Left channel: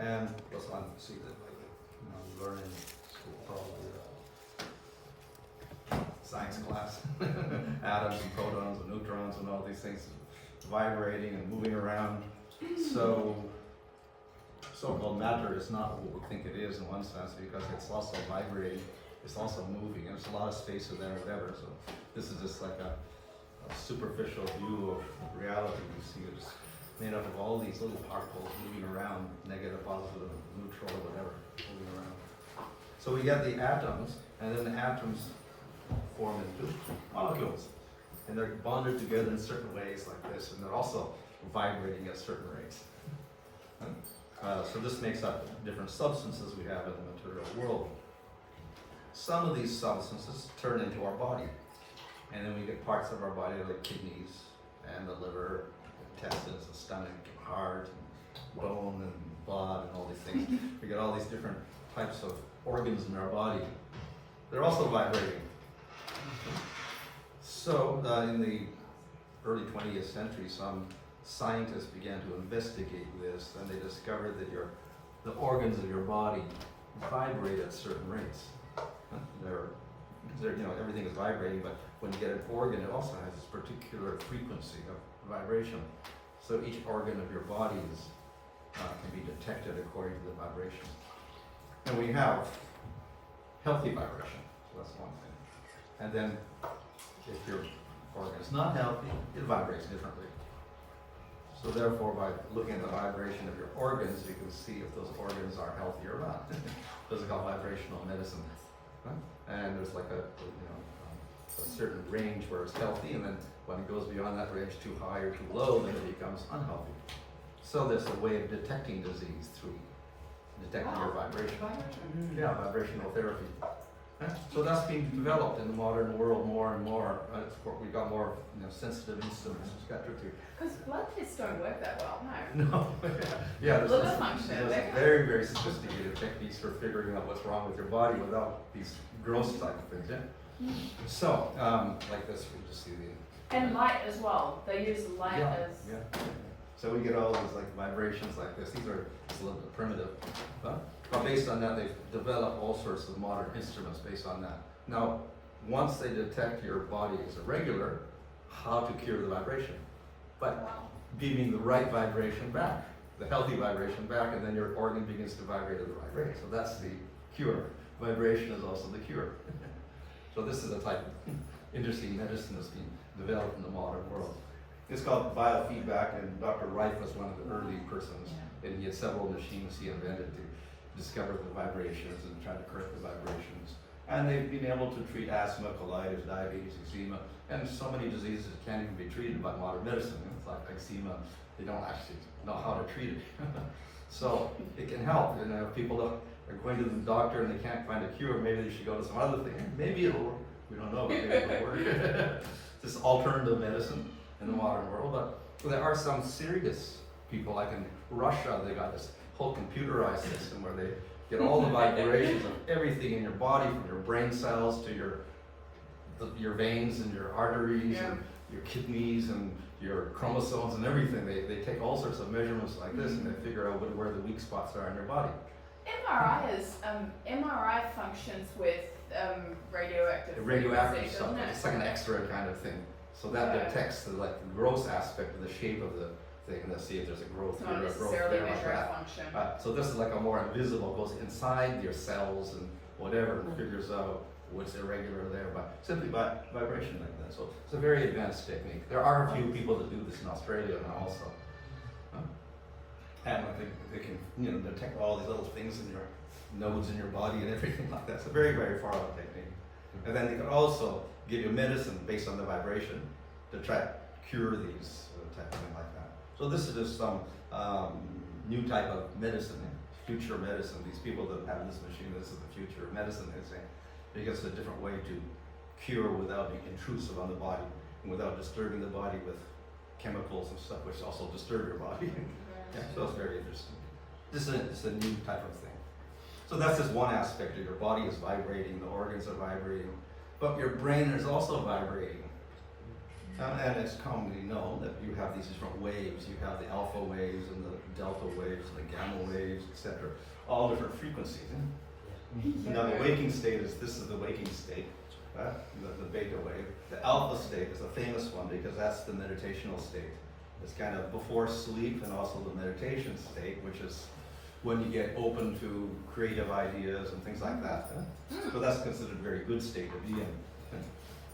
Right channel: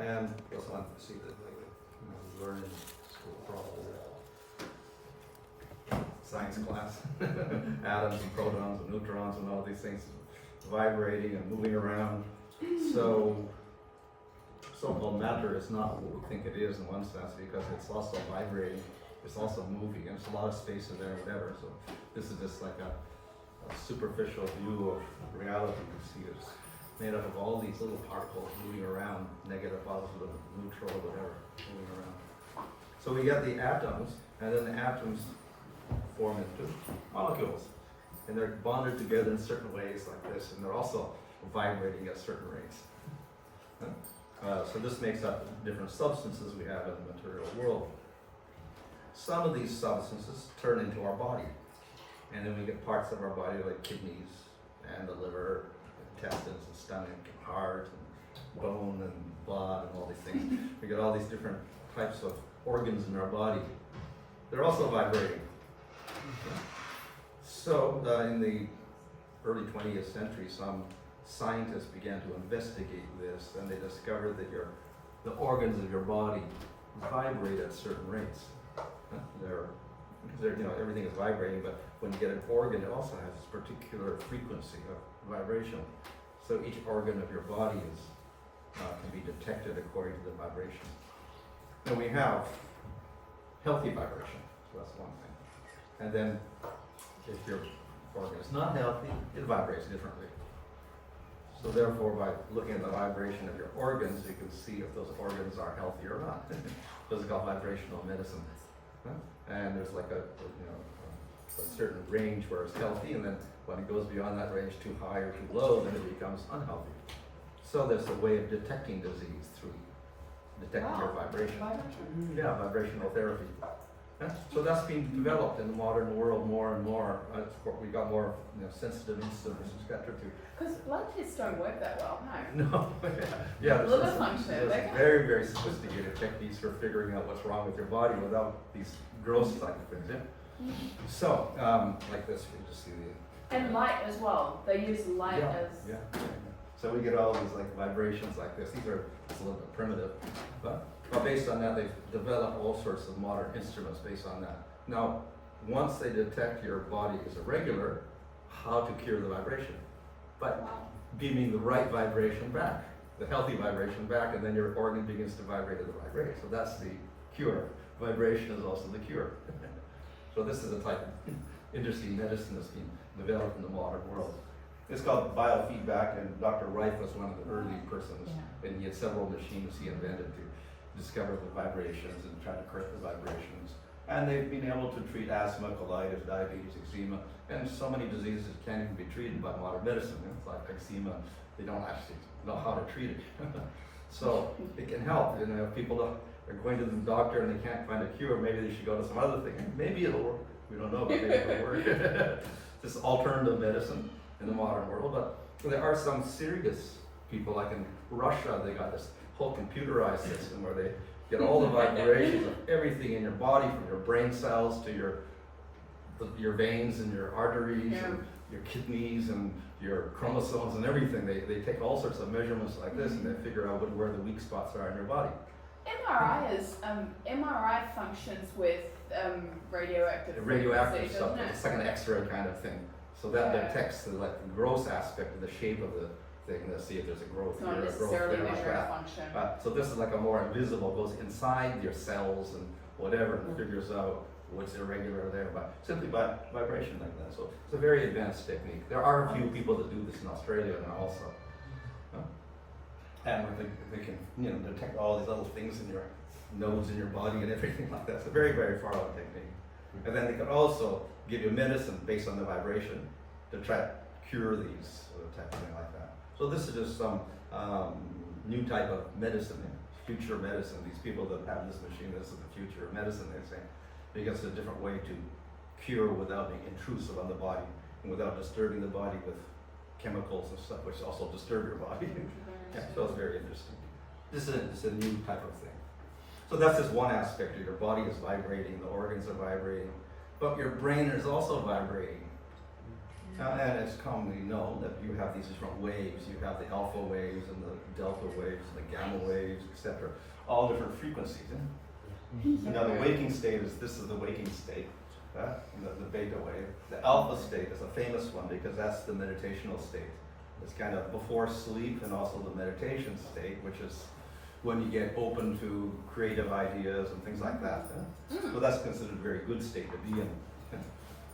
And what's on see that we learn in school probably science class, atoms and protons and neutrons and all these things vibrating and moving around. So so-called matter is not what we think it is in one sense, because it's also vibrating, it's also moving, and there's a lot of space in there, whatever. So this is just like a superficial view of reality. You see it's made up of all these little particles moving around, negative, positive, neutral, whatever, moving around. So we get the atoms, and then the atoms form into molecules. And they're bonded together in certain ways like this, and they're also vibrating at certain rates. So this makes up different substances we have in the material world. Some of these substances turn into our body, and then we get parts of our body like kidneys and the liver, intestines, the stomach, and heart, and bone, and blood, and all these things. We get all these different types of organs in our body. They're also vibrating. So in the early 20th century, some scientists began to investigate this, and they discovered that the organs of your body vibrate at certain rates. Everything is vibrating, but when you get an organ, it also has this particular frequency of vibration. So each organ of your body can be detected according to the vibration. And we have healthy vibration, so that's one thing. And then if your organ is not healthy, it vibrates differently. So therefore, by looking at the vibration of your organs, you can see if those organs are healthy or not. This is called vibrational medicine. And there's like a certain range where it's healthy, and then when it goes beyond that range, too high or too low, then it becomes unhealthy. So there's a way of detecting disease through detecting your vibration. Yeah, vibrational therapy. So that's being developed in the modern world more and more. We got more sensitive instruments, etc. Because blood tests don't work that well, no. No. Yeah, there's Liver function. very, very sophisticated techniques for figuring out what's wrong with your body without these gross type of things. Yeah. So, like this, we just see the. And light as well. They use light as. Yeah. So we get all these like vibrations like this. These are just a little bit primitive, but based on that, they've developed all sorts of modern instruments based on that. Now, once they detect your body is irregular, how to cure the vibration? By beaming the right vibration back, the healthy vibration back, and then your organ begins to vibrate at the right rate. So that's the cure. Vibration is also the cure. So this is a type of interesting medicine that's been developed in the modern world. It's called biofeedback, and Dr. Reif was one of the early persons, and he had several machines he invented to discover the vibrations and try to correct the vibrations. And they've been able to treat asthma, colitis, diabetes, eczema, and so many diseases can't even be treated by modern medicine. It's like eczema, they don't actually know how to treat it. So it can help. And if people are going to the doctor and they can't find a cure, maybe they should go to some other thing. Maybe it'll work. We don't know, but maybe it'll work. This alternative medicine in the modern world. But there are some serious people, like in Russia, they got this whole computerized system where they get all the vibrations of everything in your body, from your brain cells to your veins and your arteries and your kidneys and your chromosomes and everything. They take all sorts of measurements like this, and they figure out where the weak spots are in your body. MRI functions with radioactive Radioactive stuff. It's like an X-ray kind of thing. So that detects the gross aspect of the shape of the thing. Let's see if there's a growth here, a growth there, like that. So this is like a more invisible, goes inside your cells and whatever, and figures out what's irregular there, but simply by vibration like that. So it's a very advanced technique. There are a few people that do this in Australia now also. And they can detect all these little things in your nodes in your body and everything like that. It's a very, very far out technique. And then they can also give you medicine based on the vibration to try to cure these type of thing like that. So this is just some new type of medicine, future medicine. These people that have this machine, this is the future of medicine, they say. Because it's a different way to cure without being intrusive on the body and without disturbing the body with chemicals and stuff, which also disturb your body. Yeah, so it's very interesting. This is a new type of thing. So that's just one aspect of your body is vibrating, the organs are vibrating, but your brain is also vibrating. And it's commonly known that you have these different waves. You have the alpha waves and the delta waves and the gamma waves, etc. All different frequencies. Now the waking state this is the waking state, the beta wave. The alpha state is a famous one because that's the meditational state. It's kind of before sleep and also the meditation state, which is when you get open to creative ideas and things like that. So that's considered a very good state to be in.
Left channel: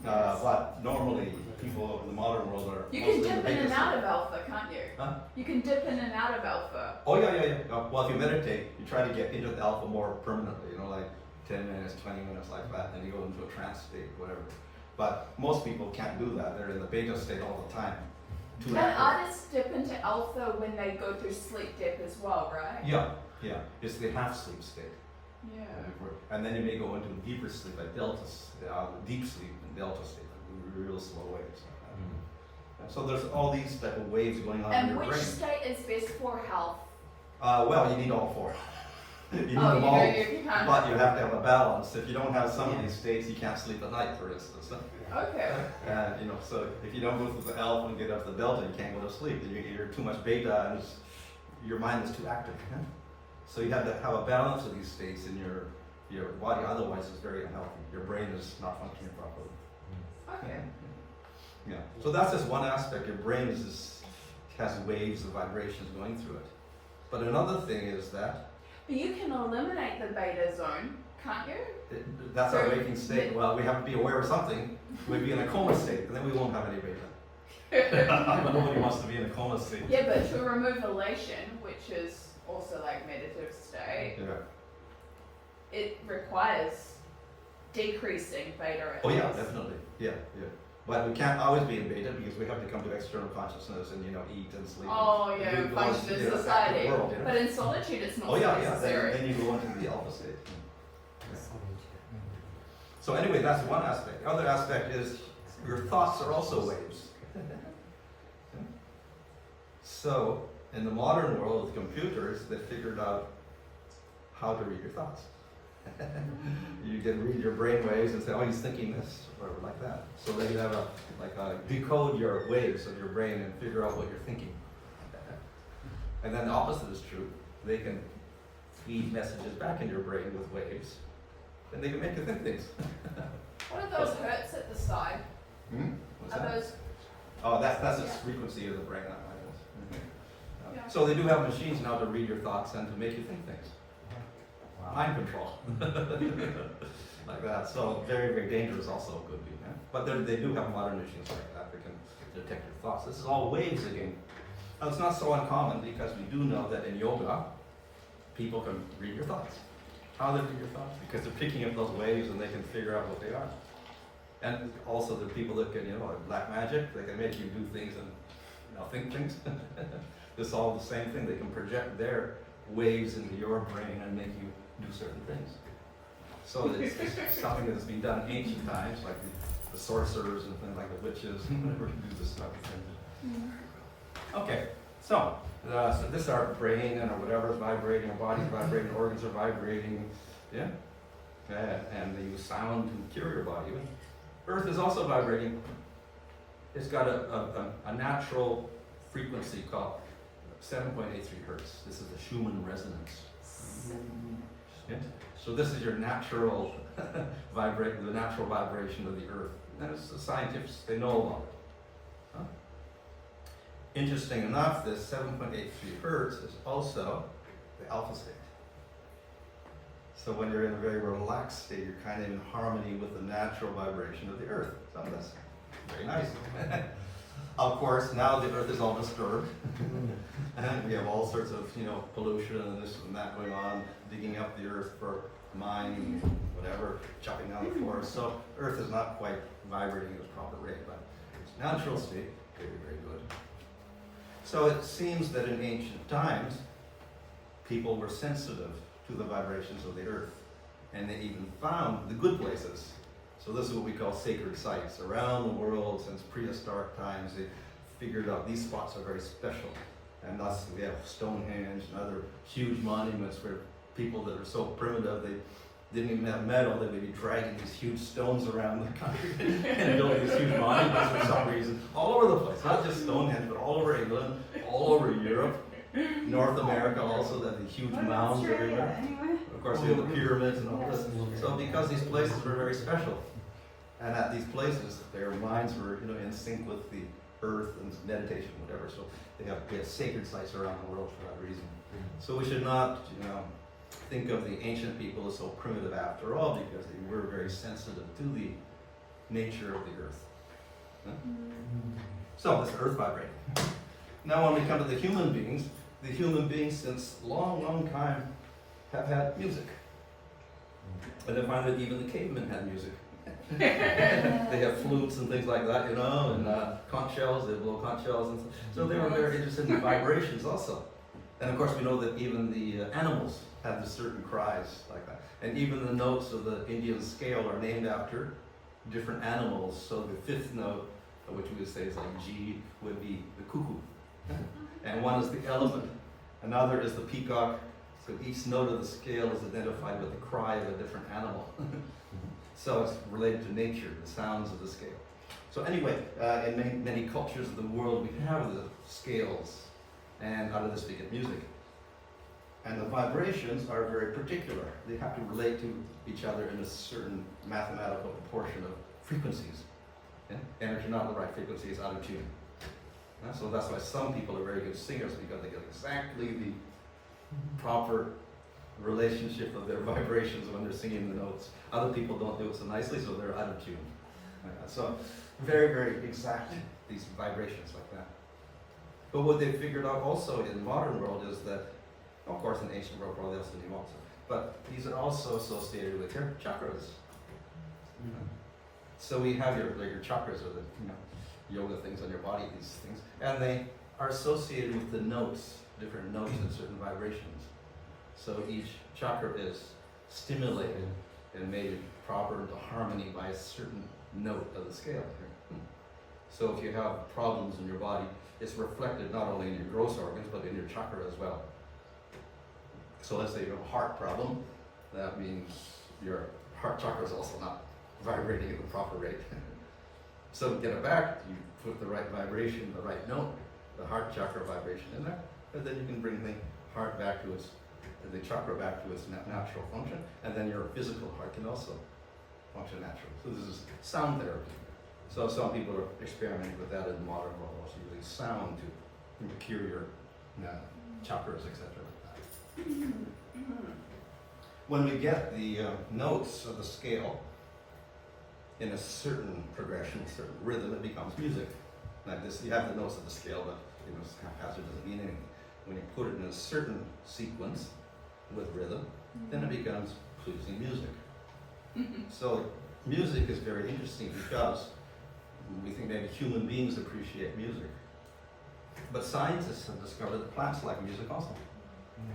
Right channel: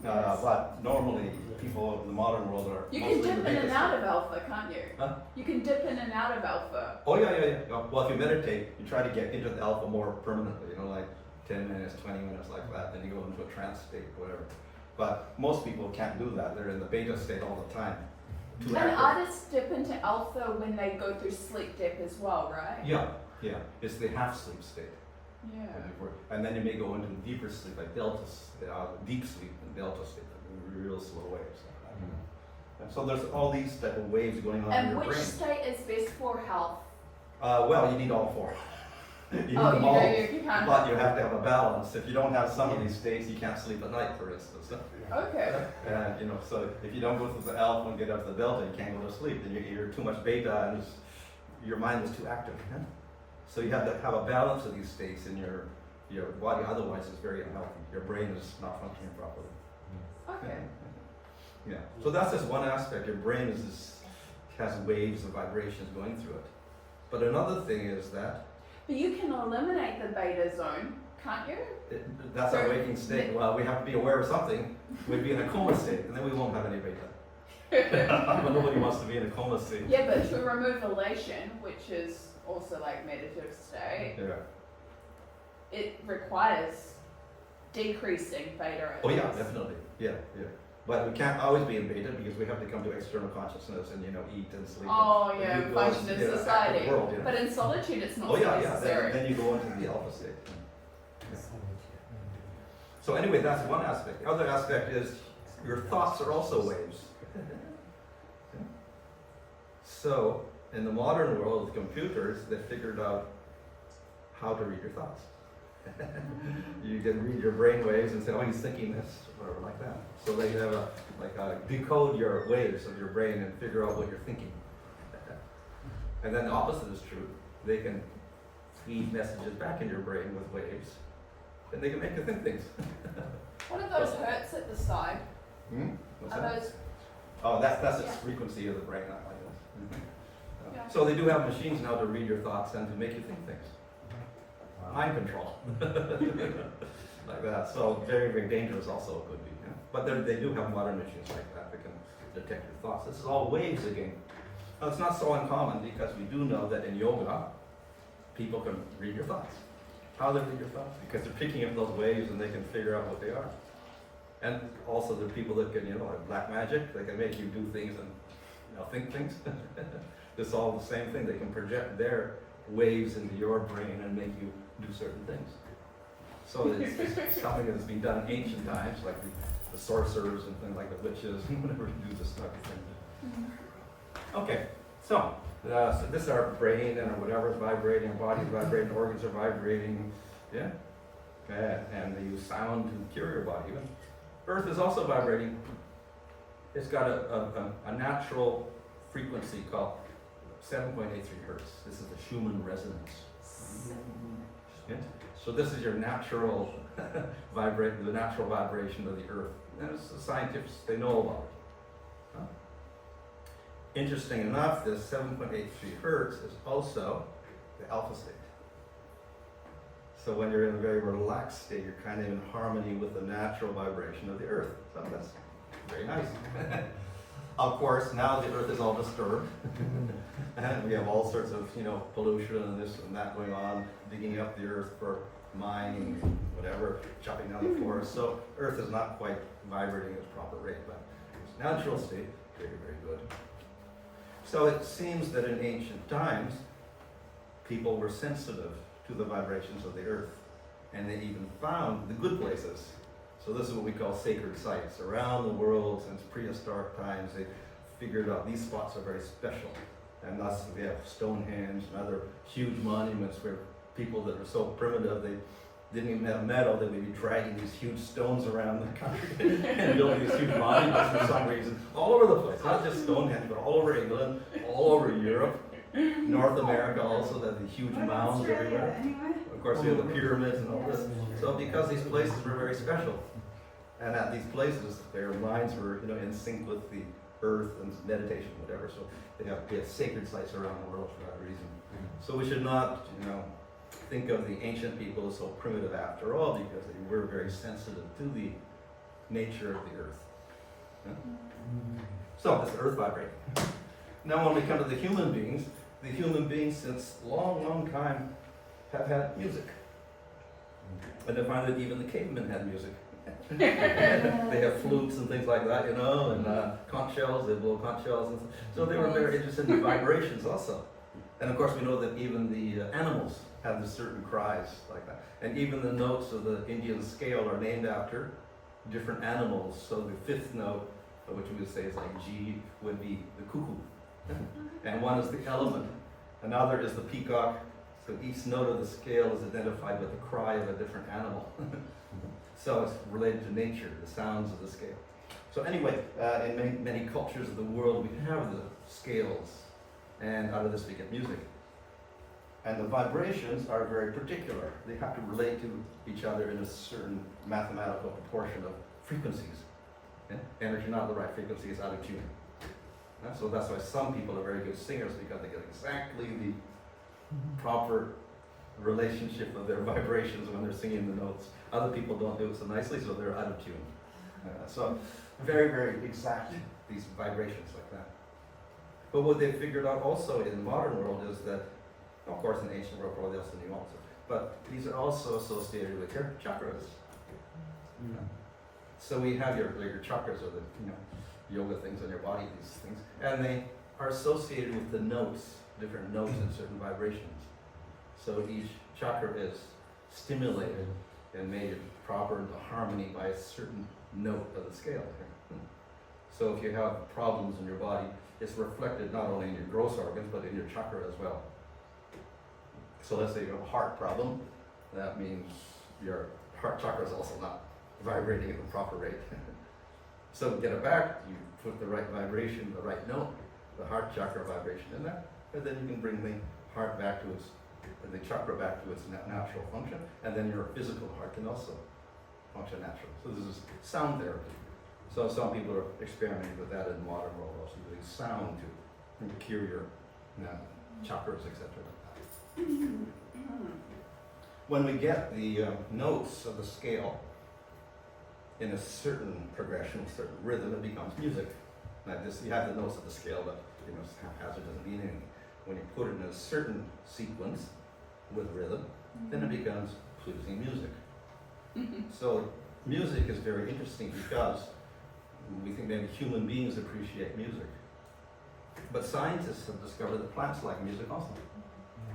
But normally people in the modern world are You mostly can in the dip in beta and out state. of alpha, can't you? Huh? You can dip in and out of alpha. Oh yeah. Well, if you meditate, you try to get into the alpha more permanently, like 10 minutes, 20 minutes like that, then you go into a trance state, whatever. But most people can't do that. They're in the beta state all the time. Too And active. artists dip into alpha when they go through sleep dip as well, right? Yeah. It's the half sleep state. Yeah. And then you may go into deeper sleep, like deep sleep and delta state, real slow waves. And so there's all these type of waves going on in And your which brain. state is best for health? Well, you need all four. You need Oh, them you all, know, you can't. but you have to have a balance. If you don't have some of these states, you can't sleep at night, for instance. Okay. And so if you don't go through the alpha and get up to the delta, you can't go to sleep. Then you're too much beta, and your mind is too active. So you have to have a balance of these states in your body. Otherwise, it's very unhealthy. Your brain is not functioning properly. Okay. Yeah. So that's just one aspect. Your brain has waves of vibrations going through it. But another thing is that But you can eliminate the beta zone, can't you? that's our waking state. Well, we have to be aware of something. We'd be in a coma state, and then we won't have any beta. But nobody wants to be in a coma state. Yeah, but to remove elation, which is also like meditative state, Yeah. it requires decreasing beta. Oh yeah, definitely. Yeah. But we can't always be in beta because we have to come to external consciousness and eat and sleep. Oh and yeah, do- go function and, in act society. the world, But in solitude, it's not Oh yeah. necessary. Then you go into the alpha state. So anyway, that's one aspect. The other aspect is your thoughts are also waves. So in the modern world with computers, they figured out how to read your thoughts. You can read your brain waves and say, oh, he's thinking this, or like that. So then you have decode your waves of your brain and figure out what you're thinking. And then the opposite is true. They can feed messages back in your brain with waves, and they can make you think things. What are those hertz at the side? What's Are that? those? Oh, that's the Yeah. frequency of the brain. That one is. Yeah. So they do have machines now to read your thoughts and to make you think things. Mind control. Like that. So very, very dangerous also could be. But they do have modern machines like that that can detect your thoughts. This is all waves again. Now, it's not so uncommon because we do know that in yoga, people can read your thoughts. How they read your thoughts? Because they're picking up those waves and they can figure out what they are. And also the people that can, like black magic, they can make you do things and think things. It's all the same thing. They can project their waves into your brain and make you do certain things. So it's something that's been done in ancient times, like the sorcerers and things like the witches, whatever do this type of thing. Okay, so this is our brain and whatever is vibrating, our body's vibrating, organs are vibrating, yeah? And they use sound to cure your body. Earth is also vibrating. It's got a natural frequency called 7.83 hertz. This is the Schumann resonance. Yeah? So this is your natural the natural vibration of the Earth. And it's the scientists, they know about it. Huh? Interesting enough, this 7.83 hertz is also the alpha state. So when you're in a very relaxed state, you're kind of in harmony with the natural vibration of the Earth. So that's very nice. Of course, now the Earth is all disturbed. And we have all sorts of, pollution and this and that going on, digging up the Earth for mining, whatever, chopping down the forest. So Earth is not quite vibrating at its proper rate, but its natural state, very, very good. So it seems that in ancient times, people were sensitive to the vibrations of the Earth, and they even found the good places. So this is what we call sacred sites. Around the world, since prehistoric times, they figured out these spots are very special. And thus we have Stonehenge and other huge monuments where people that are so primitive, they didn't even have metal, they would be dragging these huge stones around the country and building these huge monuments for some reason, all over the place, not just Stonehenge, but all over England, all over Europe, North America also, that the huge mounds everywhere. Of course, you have the pyramids and all this. So because these places were very special, and at these places, their minds were, in sync with the earth and meditation, whatever. So we have sacred sites around the world for that reason. So we should not, think of the ancient people as so primitive after all, because they were very sensitive to the nature of the earth. Yeah? So it's earth vibrating. Now when we come to the human beings since long, long time have had music. And I find that even the cavemen had music. They have flutes and things like that, and conch shells, they blow conch shells. And so they were very interested in vibrations also. And of course we know that even the animals have the certain cries like that. And even the notes of the Indian scale are named after different animals. So the fifth note, which we would say is like G, would be the cuckoo. And one is the elephant, another is the peacock. So each note of the scale is identified with the cry of a different animal. So it's related to nature, the sounds of the scale. So anyway, in many cultures of the world, we have the scales, and out of this we get music. And the vibrations are very particular. They have to relate to each other in a certain mathematical proportion of frequencies. Yeah? And if you're not in the right frequency, it's out of tune. Yeah? So that's why some people are very good singers, because they get exactly the proper relationship of their vibrations when they're singing the notes. Other people don't do it so nicely, so they're out of tune. So very, very exact, these vibrations like that. But what they figured out also in the modern world is that, of course in the ancient world probably else than you also, but these are also associated with your chakras. So we have your chakras, or the yoga things on your body, these things, and they are associated with the notes, different notes and certain vibrations. So each chakra is stimulated and made proper into harmony by a certain note of the scale. So if you have problems in your body, it's reflected not only in your gross organs, but in your chakra as well. So let's say you have a heart problem, that means your heart chakra is also not vibrating at the proper rate. So to get it back, you put the right vibration, the right note, the heart chakra vibration in there, and then you can bring the heart back to its, the chakra back to its natural function, and then your physical heart can also function naturally. So this is sound therapy. So some people are experimenting with that in the modern world, also using sound to cure your chakras, etc. like that. When we get the notes of the scale in a certain progression, certain rhythm, it becomes music. Now this, you have the notes of the scale, but haphazard doesn't mean anything. When you put it in a certain sequence with rhythm, then it becomes pleasing music. So music is very interesting because we think maybe human beings appreciate music. But scientists have discovered that plants like music also.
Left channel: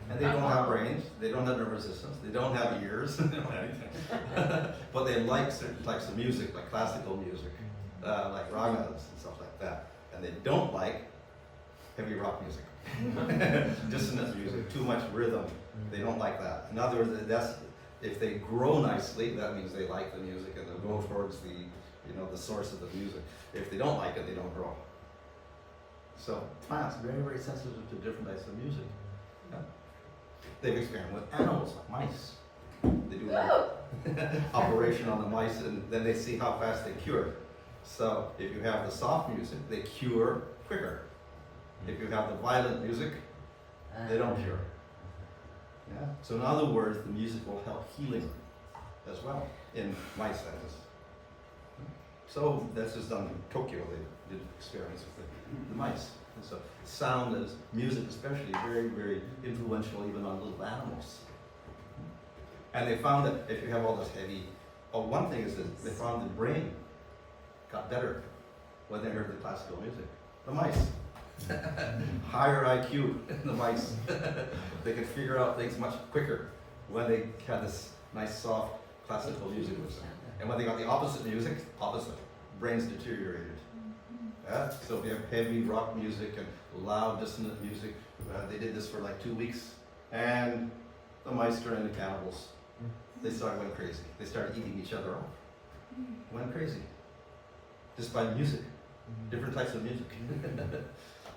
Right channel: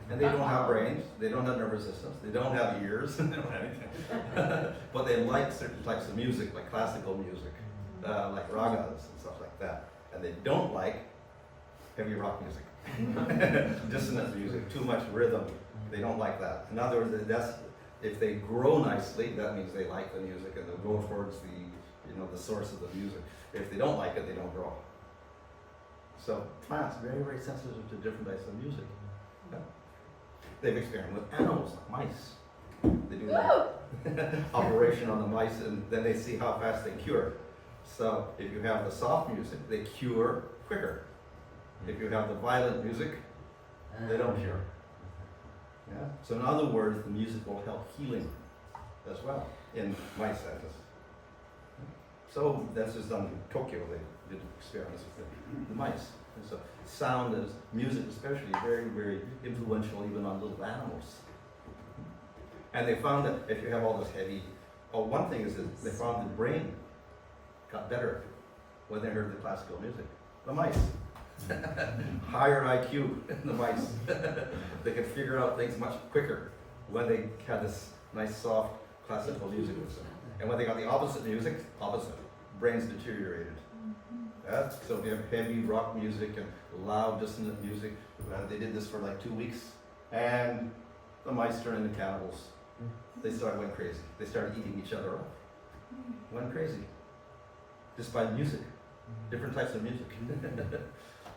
And they don't have brains, they don't have nervous systems, they don't have ears, they don't have anything. But they like certain types of music, like classical music, like ragas and stuff like that. And they don't like heavy rock music, dissonant music, too much rhythm. They don't like that. In other words, that's, if they grow nicely, that means they like the music and they'll go towards the, the source of the music. If they don't like it, they don't grow. So plants are very, very sensitive to different types of music. Yeah. They've experimented with animals like mice. They do an operation on the mice, and then they see how fast they cure. So if you have the soft music, they cure quicker. If you have the violent music, they don't cure. Yeah. So in other words, the music will help healing as well in mice, that is. So that's just done in Tokyo. They did experiments with the mice. And so sound is, music especially, very, very influential even on little animals. And they found that if you have all this heavy, one thing is that they found the brain got better when they heard the classical music. The mice. Higher IQ in the mice. They could figure out things much quicker when they had this nice soft classical music. And when they got the opposite music, brains deteriorated. Yeah? So if you have heavy rock music and loud dissonant music, they did this for like 2 weeks, and the mice turned into cannibals. They started going crazy. They started eating each other up. Went crazy. Just by music. Different types of music.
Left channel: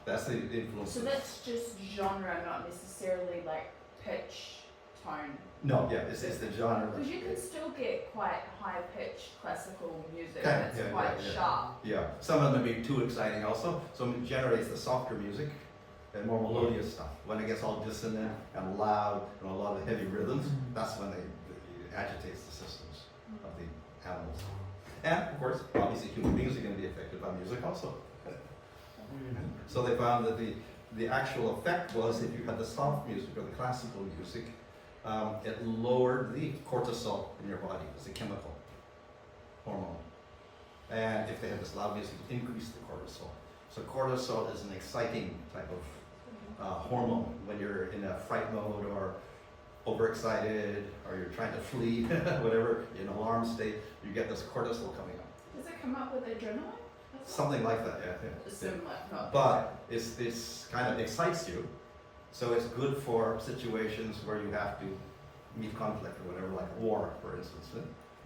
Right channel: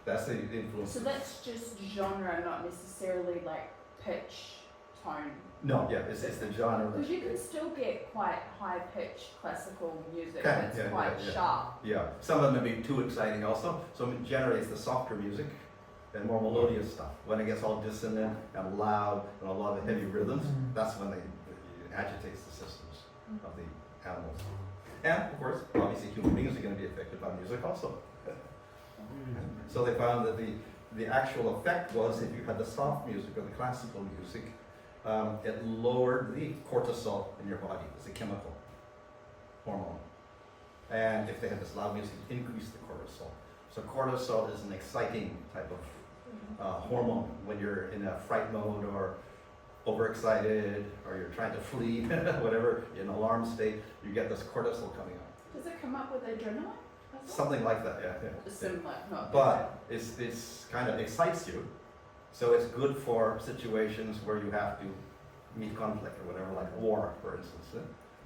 That's the influence. So that's just genre, not necessarily like pitch, tone. No, yeah, it's the genre. Because you can still get quite high pitched classical music Can, that's yeah, quite yeah, yeah. sharp. Yeah, some of them may be too exciting also. So it generates the softer music and more melodious stuff. When it gets all dissonant and loud and a lot of heavy rhythms, that's when it agitates the systems of the animals. And of course, obviously human beings are going to be affected by music also. So they found that the actual effect was if you had the soft music or the classical music, it lowered the cortisol in your body. It's a chemical hormone. And if they had this loud music, it increased the cortisol. So cortisol is an exciting type of hormone when you're in a fright mode or overexcited or you're trying to flee, whatever, in alarm state, you get this cortisol coming up. Does it come up with adrenaline? Something like that, yeah. Similar, not But it's kind of excites you, so it's good for situations where you have to meet conflict or whatever, like war, for instance.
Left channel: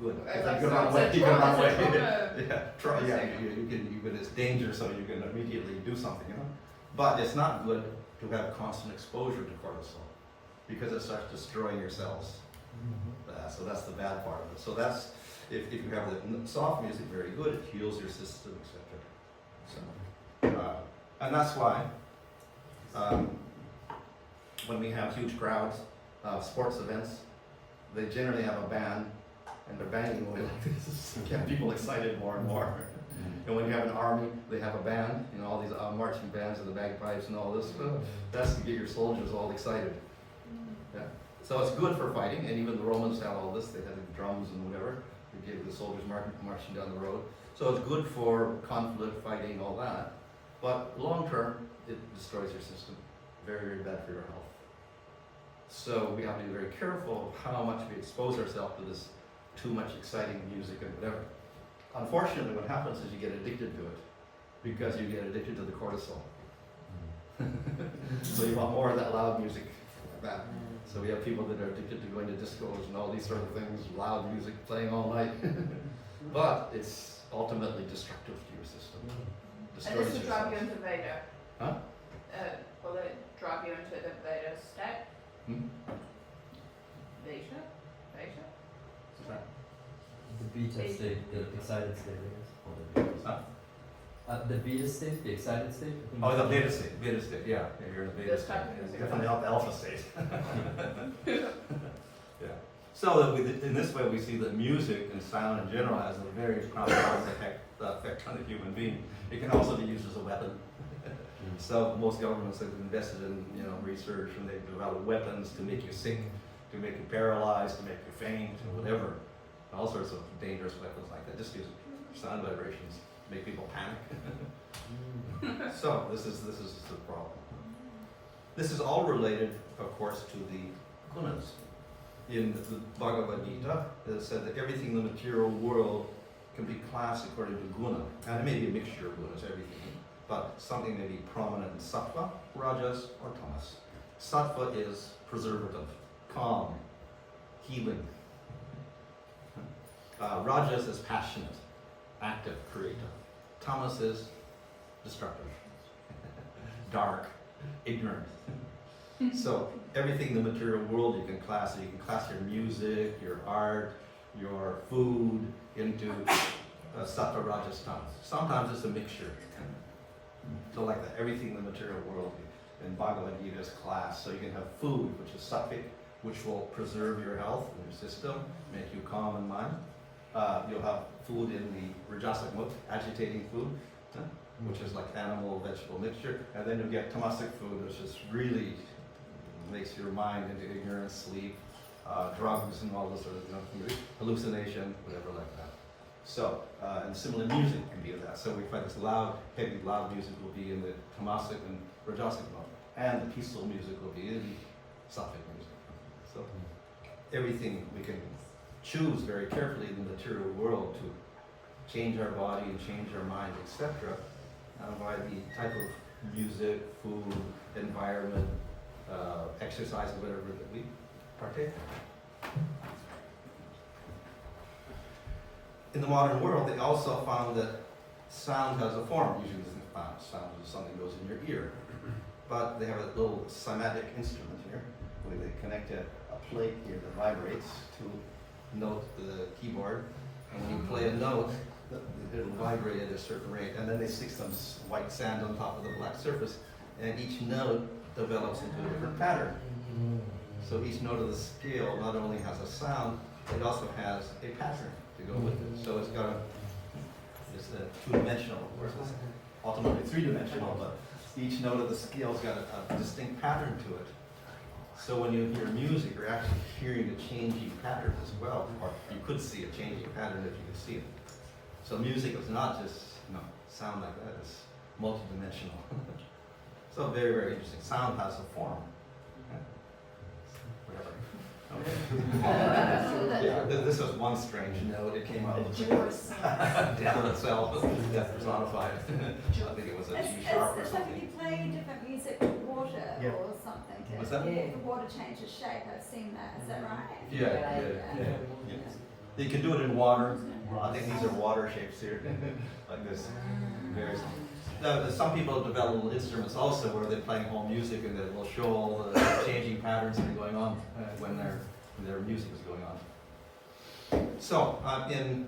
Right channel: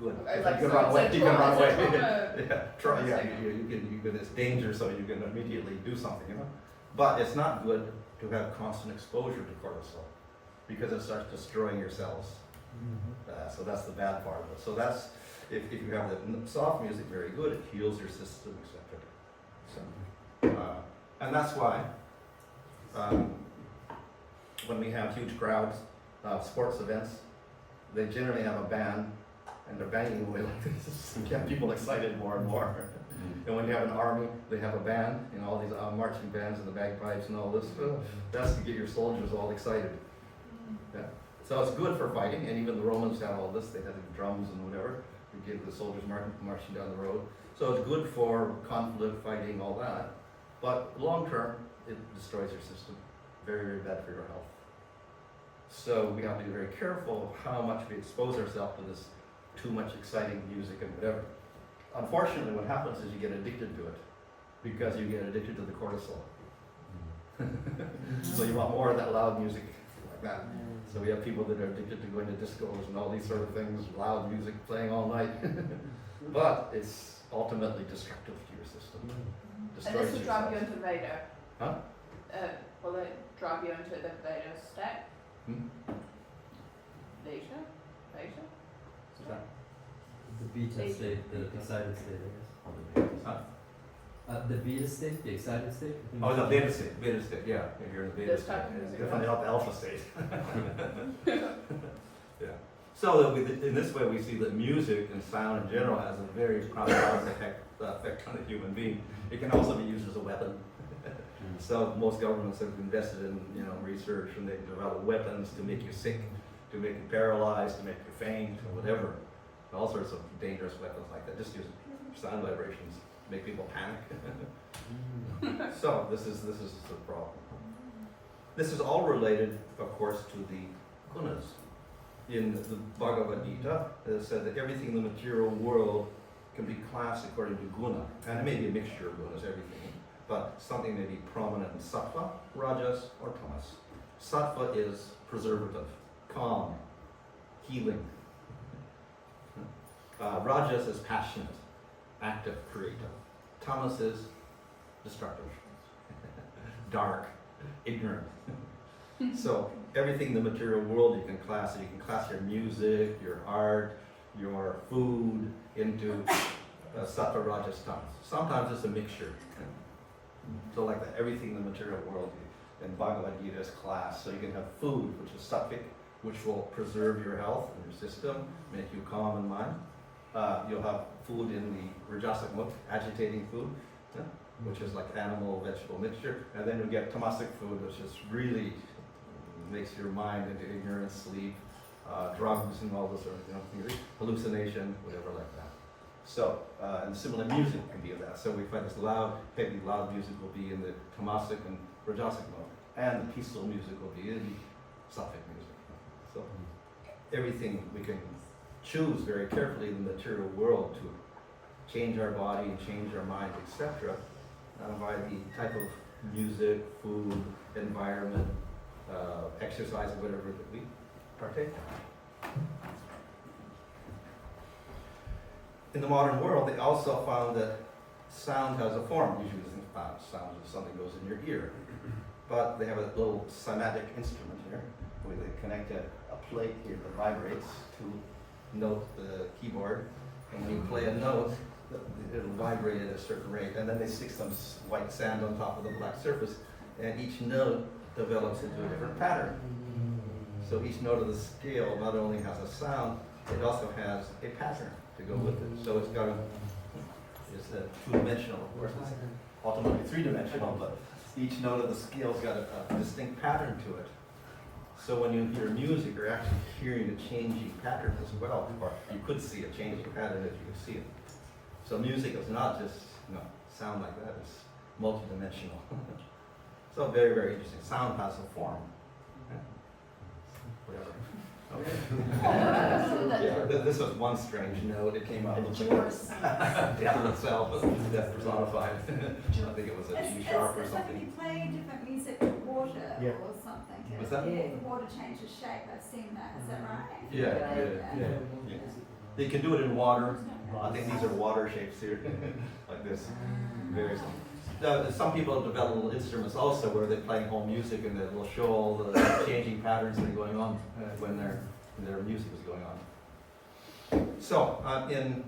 Good. Okay, If like, you can so run it's away, a you can trauma- run away. it's a trauma Yeah, thing. you can. It's danger, so you can immediately do something, you know. But it's not good to have constant exposure to cortisol because it starts destroying your cells. So that's the bad part of it. So that's if you have the soft music, very good. It heals your system, etc. So, and that's why when we have huge crowds, sports events, they generally have a band, and they're banging away like this to get people excited more and more. And when you have an army, they have a band, you know, all these marching bands and the bagpipes and all this. That's to get your soldiers all excited. Yeah. So it's good for fighting, and even the Romans had all this. They had the drums and whatever to get the soldiers marching down the road. So it's good for conflict, fighting, all that. But long term, it destroys your system. Very, very bad for your health. So we have to be very careful of how much we expose ourselves to this too much exciting music and whatever. Unfortunately, what happens is you get addicted to it because you get addicted to the cortisol. So you want more of that loud music like that. So we have people that are addicted to going to discos and all these sort of things, loud music playing all night. But it's ultimately destructive to your system. And Destroys this will your drive you cells. into Veda. Huh? Will it drive you into the Veda state? Hmm? Veda? Veda? What's that? The beta state, the excited state, I guess. Or the beta Huh? state. The beta state, the excited state? I think Oh, the it's- beta state, beta state, yeah, you're in the beta This state. type of It's music. definitely not the alpha state. Yeah. So that in this way, we see that music and sound in general has a very profound effect on the human being. It can also be used as a weapon. So most governments have invested in research, and they develop weapons to make you sick, to make you paralyzed, to make you faint, or whatever. All sorts of dangerous weapons like that. Just use sound vibrations, make people panic. So this is the problem. This is all related, of course, to the gunas. In the Bhagavad Gita, it said that everything in the material world can be classed according to guna, and it may be a mixture of gunas, everything, but something may be prominent in sattva, rajas, or tamas. Sattva is preservative, calm, healing. Rajas is passionate, active, creative. Tamas is destructive, dark, ignorant. So everything in the material world you can class. You can class your music, your art, your food into sattva, rajas, tamas. Sometimes it's a mixture. So like that, everything in the material world in Bhagavad Gita is classed. So you can have food, which is sattvic, which will preserve your health and your system, make you calm in mind. You'll have food in the rajasic mode, agitating food, which is like animal, vegetable mixture. And then you get tamasic food, which is really makes your mind into ignorance, sleep, drugs, and all this sort of hallucination, whatever like that. So, and similar music can be of that. So we find this loud, heavy, loud music will be in the tamasic and rajasic mode, and the peaceful music will be in the sattvic music. So everything we can choose very carefully in the material world to change our body and change our mind, etc. By the type of music, food, environment, exercise, whatever that we partake in. in the modern world, they also found that sound has a form. Usually we think sound is something that goes in your ear. But they have a little cymatic instrument here, where they connect a plate here that vibrates to note the keyboard. And when you play a note, it'll vibrate at a certain rate. And then they stick some white sand on top of the black surface, and each note develops into a different pattern. So each note of the scale not only has a sound, it also has a pattern to go with it. So it's a two-dimensional, of course, it's ultimately three-dimensional, but each note of the scale's got a distinct pattern to it. So when you hear music, you're actually hearing a changing pattern as well, or you could see a changing pattern if you could see it. So music is not just, sound like that, it's multidimensional. So very, very interesting. Sound has a form. Whatever. Okay. Yeah, this was one strange note. It came out of the down itself that personified. I think it was a G sharp or It's like something. if you play different music with water or something. What's that? The water changes shape. I've seen that. Is that right? Yeah. They can do it in water. I think these are water shapes here, like this. Very simple. Now, some people develop little instruments also where they're playing home music and they will show all the changing patterns that are going on when their music is going on. So in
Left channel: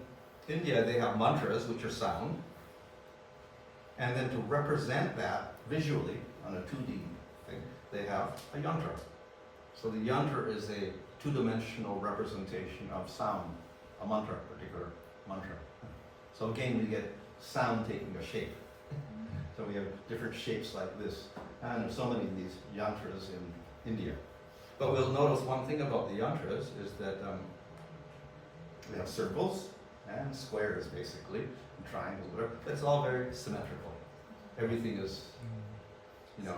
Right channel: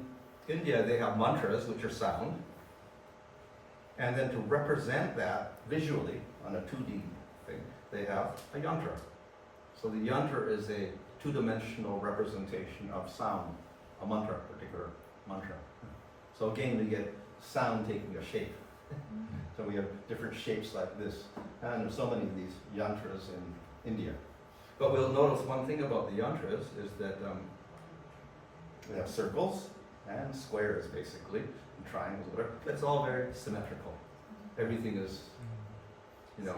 India they have mantras, which are sound, and then to represent that visually on a 2D thing, they have a yantra. So the yantra is a two-dimensional representation of sound, a mantra, particular mantra. So again, we get sound taking a shape. So we have different shapes like this, and there's so many of these yantras in India. But we'll notice one thing about the yantras is that we have circles and squares basically, and triangles, whatever. It's all very symmetrical. Everything is, you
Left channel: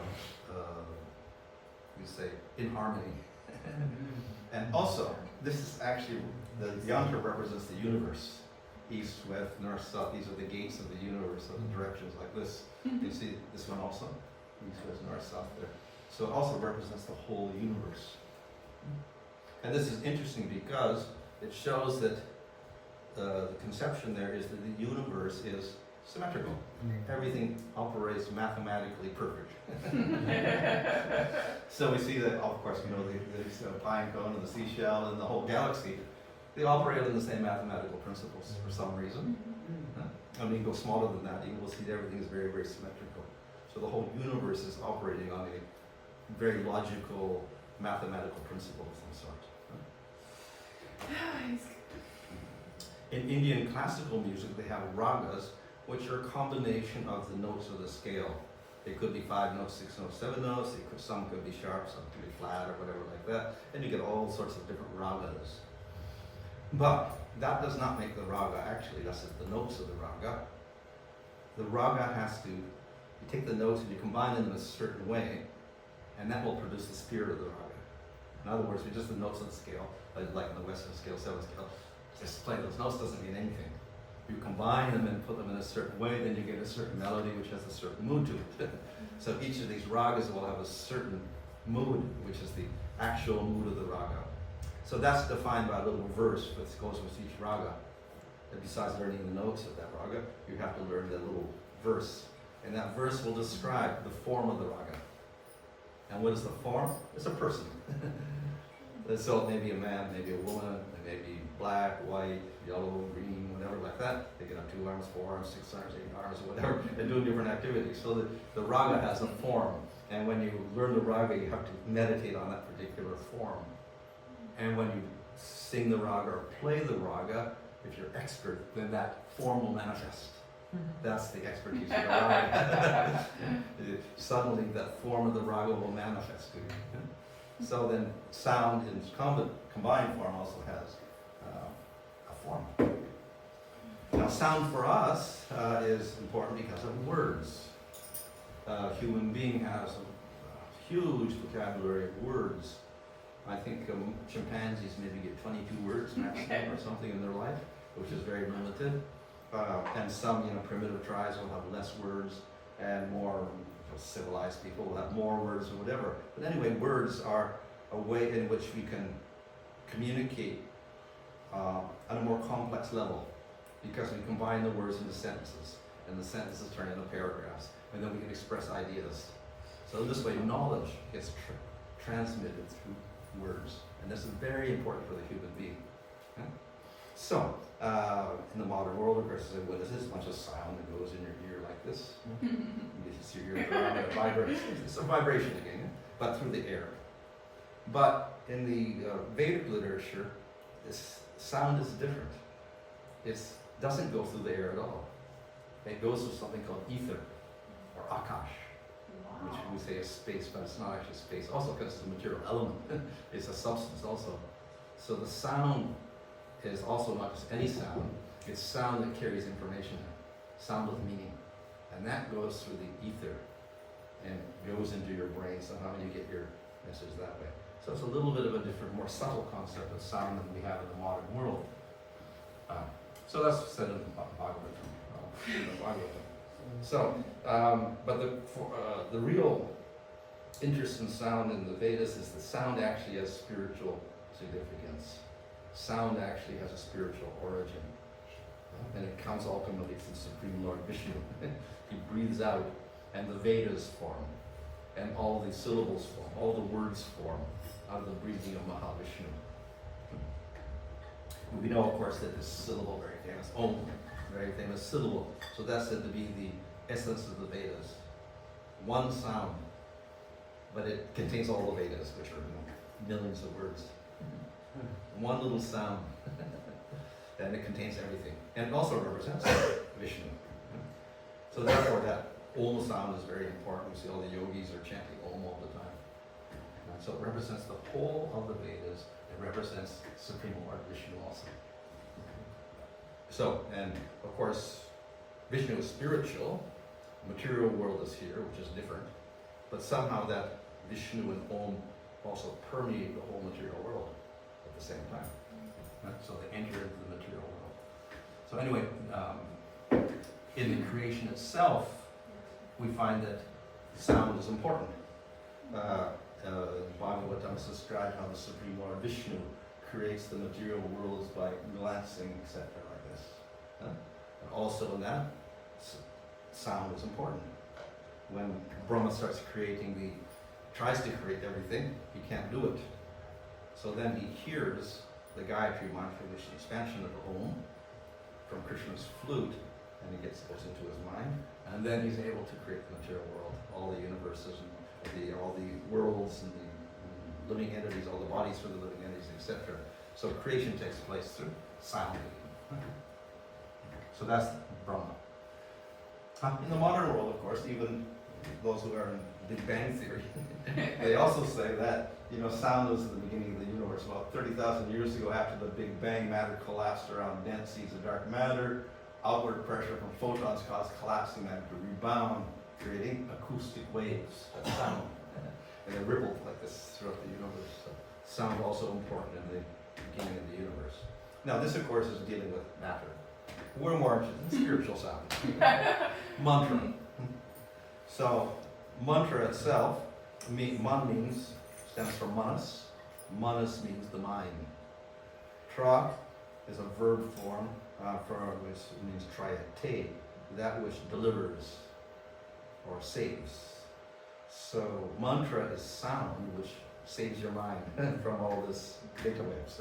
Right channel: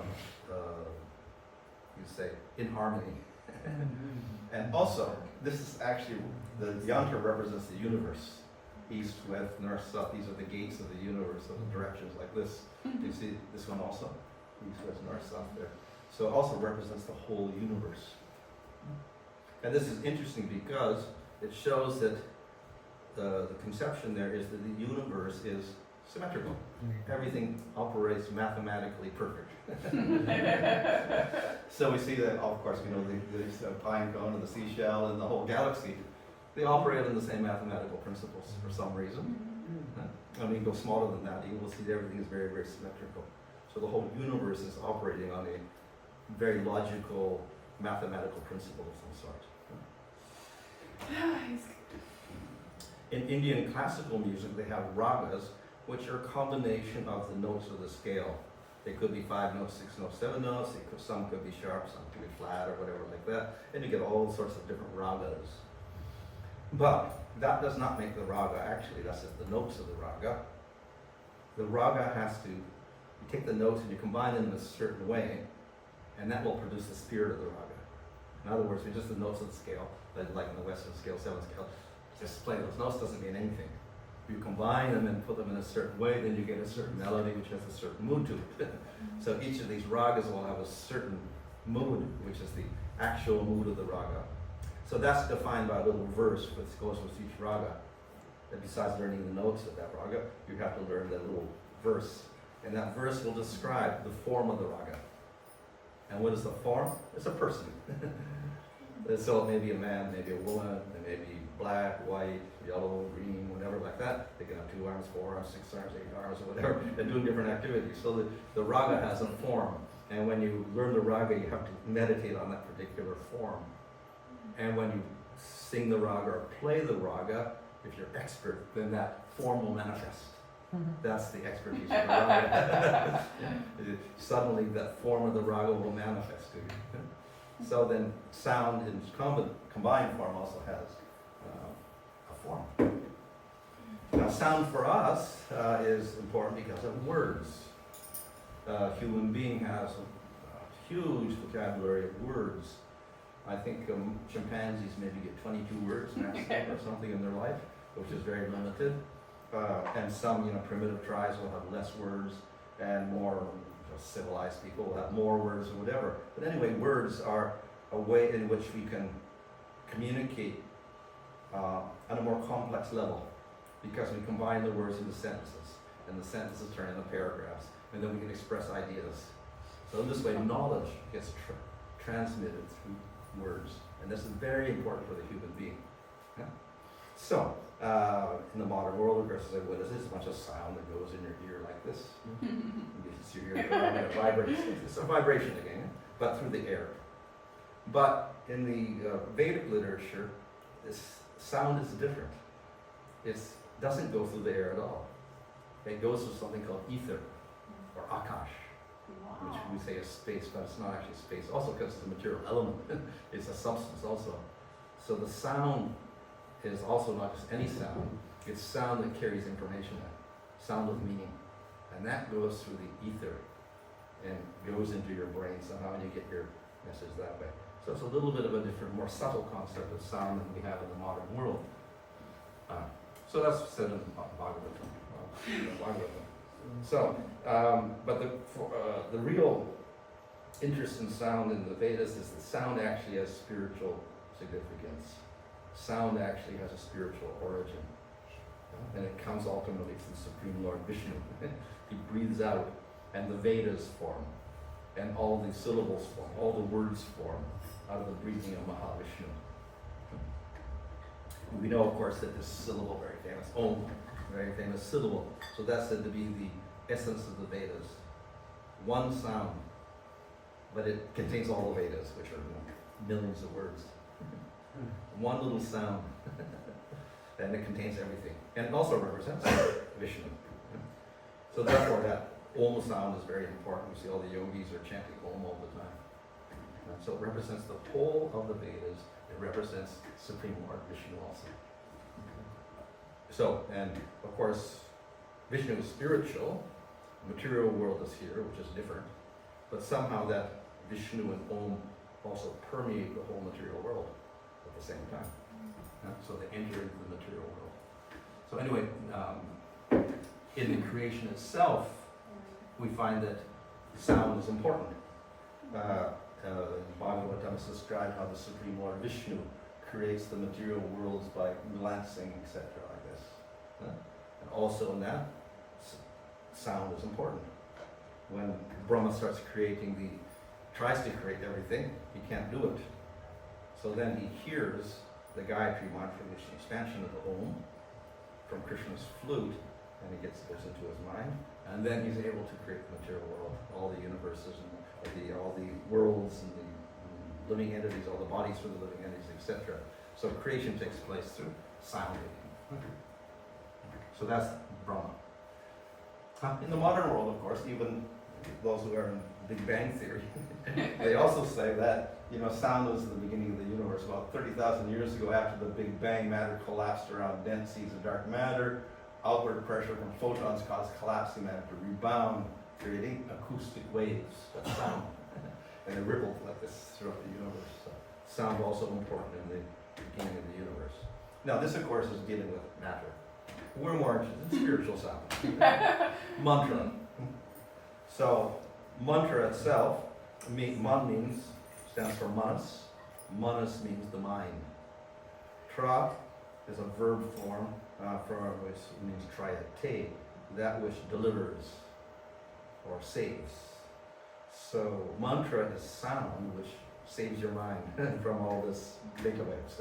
say, in harmony. And also, this is actually, the yantra represents the universe. East, west, north, south, these are the gates of the universe, of the directions like this. You see this one also? East, west, north, south there. So it also represents the whole universe. And this is interesting because it shows that the conception there is that the universe is symmetrical. Everything operates mathematically perfect. So we see that, of course, the pine cone and the seashell and the whole galaxy, they operate on the same mathematical principles for some reason. And when you go smaller than that, you will see that everything is very, very symmetrical. So the whole universe is operating on a very logical, mathematical principle of some sort. In Indian classical music, they have ragas, which are a combination of the notes of the scale. They could be 5 notes, 6 notes, 7 notes. Some could be sharp, some could be flat, or whatever like that. And you get all sorts of different ragas. But that does not make the raga, actually. That's just the notes of the raga. The raga has to, you take the notes and you combine them in a certain way, and that will produce the spirit of the raga. In other words, just the notes of the scale, like in the Western scale, 7 scale, just playing those notes doesn't mean anything. You combine them and put them in a certain way, then you get a certain melody which has a certain mood to it. So each of these ragas will have a certain mood, which is the actual mood of the raga. So that's defined by a little verse which goes with each raga. And besides learning the notes of that raga, you have to learn that little verse. And that verse will describe the form of the raga. And what is the form? It's a person. So it may be a man, maybe a woman, it may be black, white, yellow, green, whatever like that. They can have 2 arms, 4 arms, 6 arms, 8 arms, or whatever. They're doing different activities. So the raga has a form. And when you learn the raga, you have to meditate on that particular form. And when you sing the raga or play the raga, if you're expert, then that form will manifest. That's the expertise of the raga. Suddenly that form of the raga will manifest to you. So then sound in combined form also has a form. Now sound for us is important because of words. A human being has a huge vocabulary of words. I think chimpanzees maybe get 22 words maximum or something in their life, which is very limited. And some primitive tribes will have less words, and more civilized people will have more words or whatever. But anyway, words are a way in which we can communicate on a more complex level. because we combine the words into sentences, and the sentences turn into paragraphs, and then we can express ideas. So in this way, knowledge gets transmitted through words, and this is very important for the human being. Yeah? So, in the modern world, of course, what is it? It's a bunch of sound that goes in your ear like this. You get to see your ear it vibrates. It's a vibration again, yeah? But through the air. But in the Vedic literature, this sound is different. It doesn't go through the air at all. It goes through something called ether, or akash, which we say is space, but it's not actually space. Also because it's a material element. It's a substance also. So the sound is also not just any sound. It's sound that carries information in it. Sound with meaning. And that goes through the ether and goes into your brain somehow, and you get your message that way. So it's a little bit of a different, more subtle concept of sound than we have in the modern world. So that's said in Bhagavatam. So, but the real interest in sound in the Vedas is that sound actually has spiritual significance. Sound actually has a spiritual origin. And it comes ultimately from the Supreme Lord Vishnu. He breathes out, and the Vedas form, and all the syllables form, all the words form out of the breathing of Mahavishnu. We know, of course, that this syllable, very famous, Om, very famous syllable. So that's said to be the essence of the Vedas. One sound, but it contains all the Vedas, which are millions of words. One little sound, and it contains everything. And it also represents Vishnu. So therefore that Om sound is very important. You see all the yogis are chanting Om all the time. And so it represents the whole of the Vedas. It represents Supreme Lord Vishnu also. So, and of course, Vishnu is spiritual. The material world is here, which is different. But somehow that Vishnu and Om also permeate the whole material world at the same time. So they enter into the material world. So anyway, in the creation itself, we find that sound is important. Bhagavatam is described how the Supreme Lord Vishnu creates the material worlds by glancing, etc. like this. And also in that, sound is important. When Brahma starts tries to create everything, he can't do it. So then he hears the Gayatri mantra, which is an expansion of the Om, from Krishna's flute, and it goes into his mind, and then he's able to create the material world, all the universes and all the worlds and the living entities, all the bodies for the living entities, etc. So creation takes place through sound. So that's Brahma. In the modern world, of course, even those who are in Big Bang Theory, they also say that sound was the beginning of the universe. About 30,000 years ago, after the Big Bang, matter collapsed around dense seas of dark matter. Outward pressure from photons caused collapsing matter to rebound, creating acoustic waves of sound. And it rippled like this throughout the universe. So sound also important in the beginning of the universe. Now this, of course, is dealing with matter. We're more interested in spiritual sound. Mantra. So mantra itself, man stands for manas. Manas means the mind. Tra is a verb form which means triate, that which delivers or saves. So mantra is sound which saves your mind from all this data waves,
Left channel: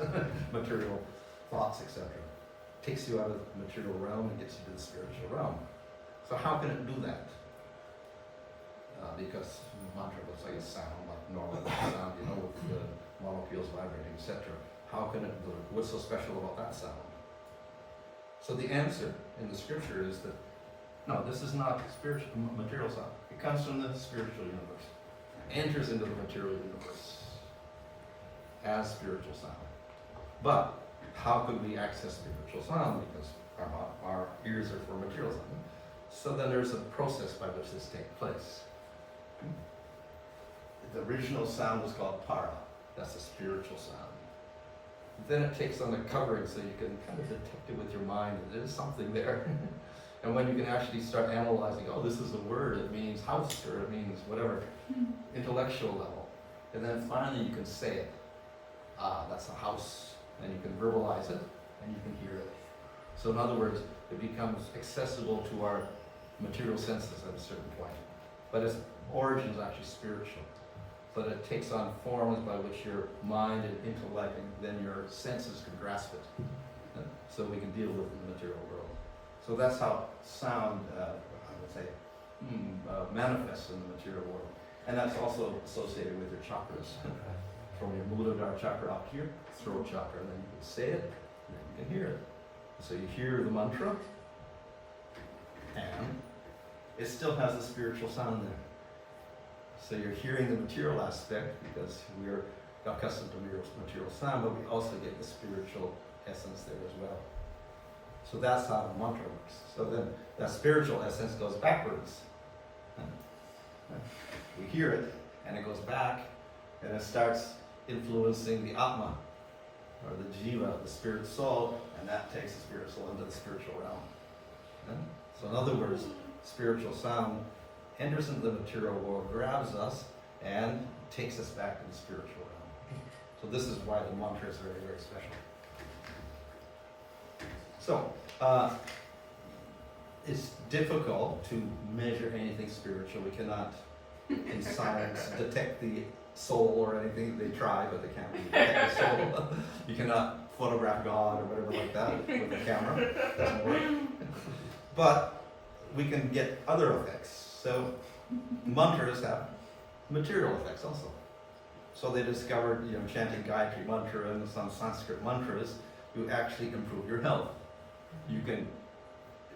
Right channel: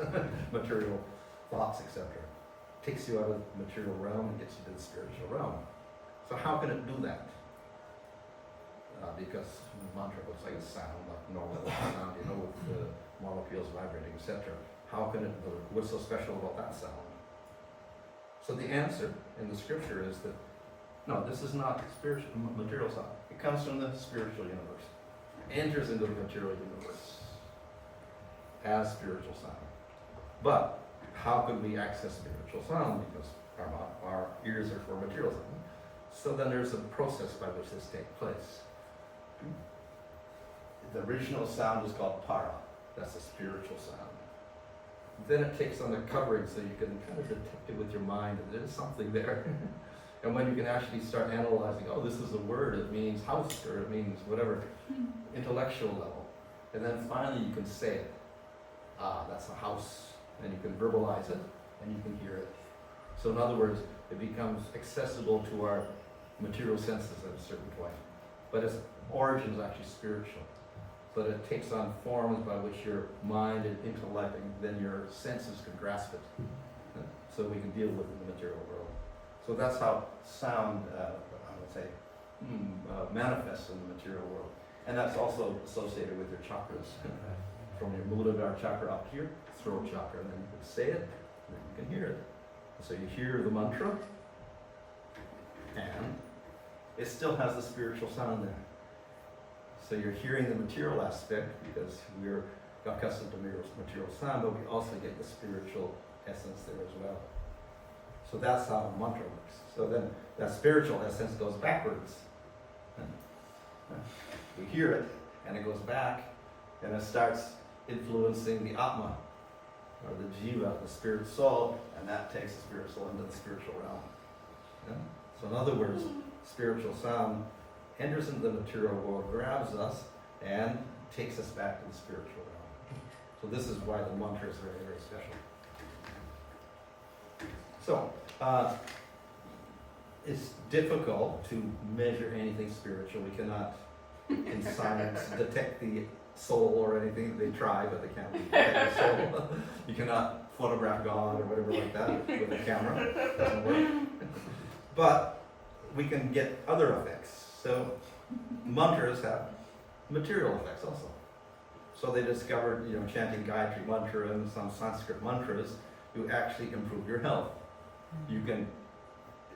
material thoughts, etc. Takes you out of the material realm and gets you to the spiritual realm. So how can it do that? Because mantra looks like a sound, like normal sound, with the molecules vibrating, etc. How can it do it? What's so special about that sound? So the answer in the scripture is that no, this is not spiritual, material sound. It comes from the spiritual universe. Enters into the material universe as spiritual sound. But how could we access spiritual sound? Because our ears are for material sound. So then there's a process by which this takes place. The original sound is called para. That's a spiritual sound. Then it takes on the covering so you can kind of detect it with your mind that there's something there. And when you can actually start analyzing, oh, this is a word, it means house, or it means whatever, intellectual level. And then finally you can say it. Ah, that's a house. And you can verbalize it, and you can hear it. So in other words, it becomes accessible to our material senses at a certain point. But its origin is actually spiritual. But it takes on forms by which your mind and intellect and then your senses can grasp it. So we can deal with it in the material world. So that's how sound, I would say, manifests in the material world. And that's also associated with your chakras. From your Muladhara chakra up here, throat chakra, and then you can say it, and then you can hear it. So you hear the mantra, and it still has the spiritual sound there. So you're hearing the material aspect because we're accustomed to material sound, but we also get the spiritual essence there as well. So that's how the mantra works. So then that spiritual essence goes backwards. We hear it, and it goes back, and it starts influencing the Atma, or the Jiva, the spirit soul, and that takes the spirit soul into the spiritual realm. Yeah? So in other words, spiritual sound enters into the material world, grabs us, and takes us back to the spiritual realm. So this is why the mantra is very, very special. So, it's difficult to measure anything spiritual. We cannot, in science, detect the soul or anything. They try, but they can't detect the soul. You cannot photograph God or whatever like that with a camera. It doesn't work. But we can get other effects. So mantras have material effects also. So they discovered, chanting Gayatri mantra and some Sanskrit mantras, you actually improve your health. You can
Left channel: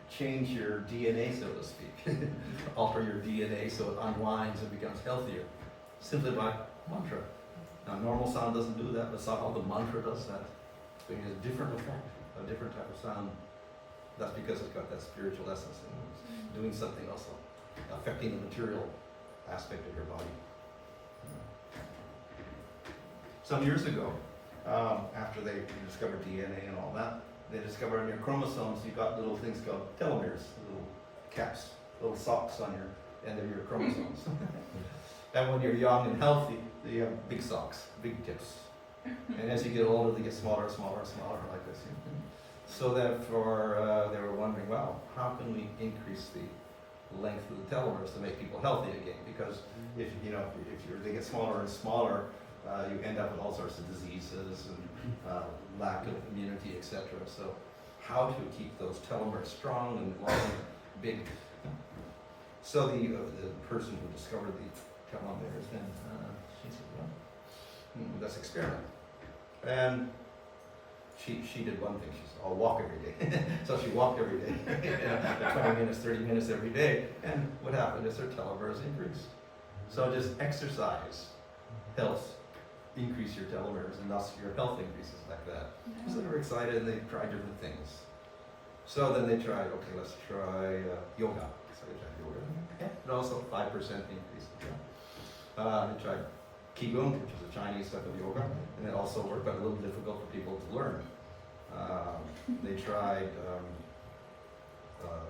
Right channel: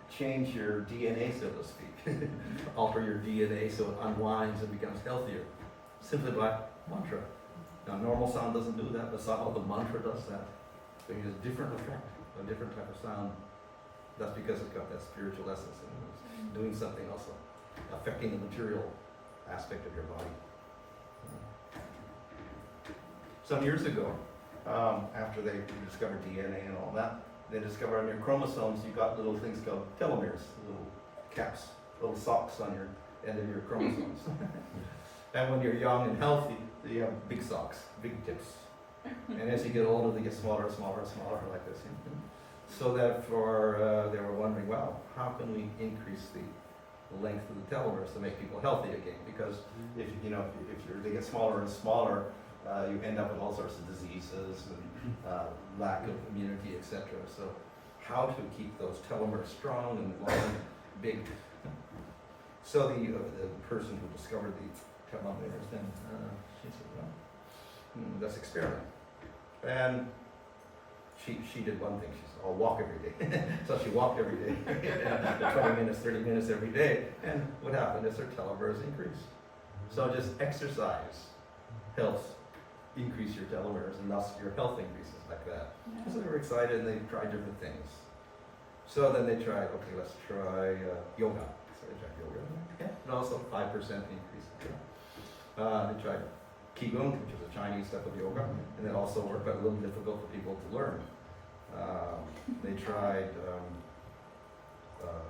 change your DNA, so to speak, alter your DNA so it unwinds and becomes healthier, simply by mantra. Now, normal sound doesn't do that, but somehow the mantra does that. So it has a different effect, a different type of sound. That's because it's got that spiritual essence and it's doing something also, affecting the material aspect of your body. Some years ago, after they discovered DNA and all that, they discovered on your chromosomes you got little things called telomeres, little caps, little socks on your end of your chromosomes. And when you're young and healthy, you have big socks, big tips. And as you get older, they get smaller and smaller and smaller like this. So therefore, they were wondering, well, how can we increase the length of the telomeres to make people healthy again? Because if they get smaller and smaller, you end up with all sorts of diseases and lack of immunity, etc. So how to keep those telomeres strong and long and big? So the person who discovered the telomeres then, she said, well, let's experiment. And she did one thing. She said, I'll walk every day. So she walked every day, 20 minutes, 30 minutes every day. And what happened is her telomeres increased. So just exercise helps increase your telomeres, and thus your health increases like that. So they were excited, and they tried different things. So then they tried, okay, let's try yoga. So they tried yoga, and also 5% increase. They tried Qigong, which is a Chinese type of yoga, and it also worked, but a little difficult for people to learn. They tried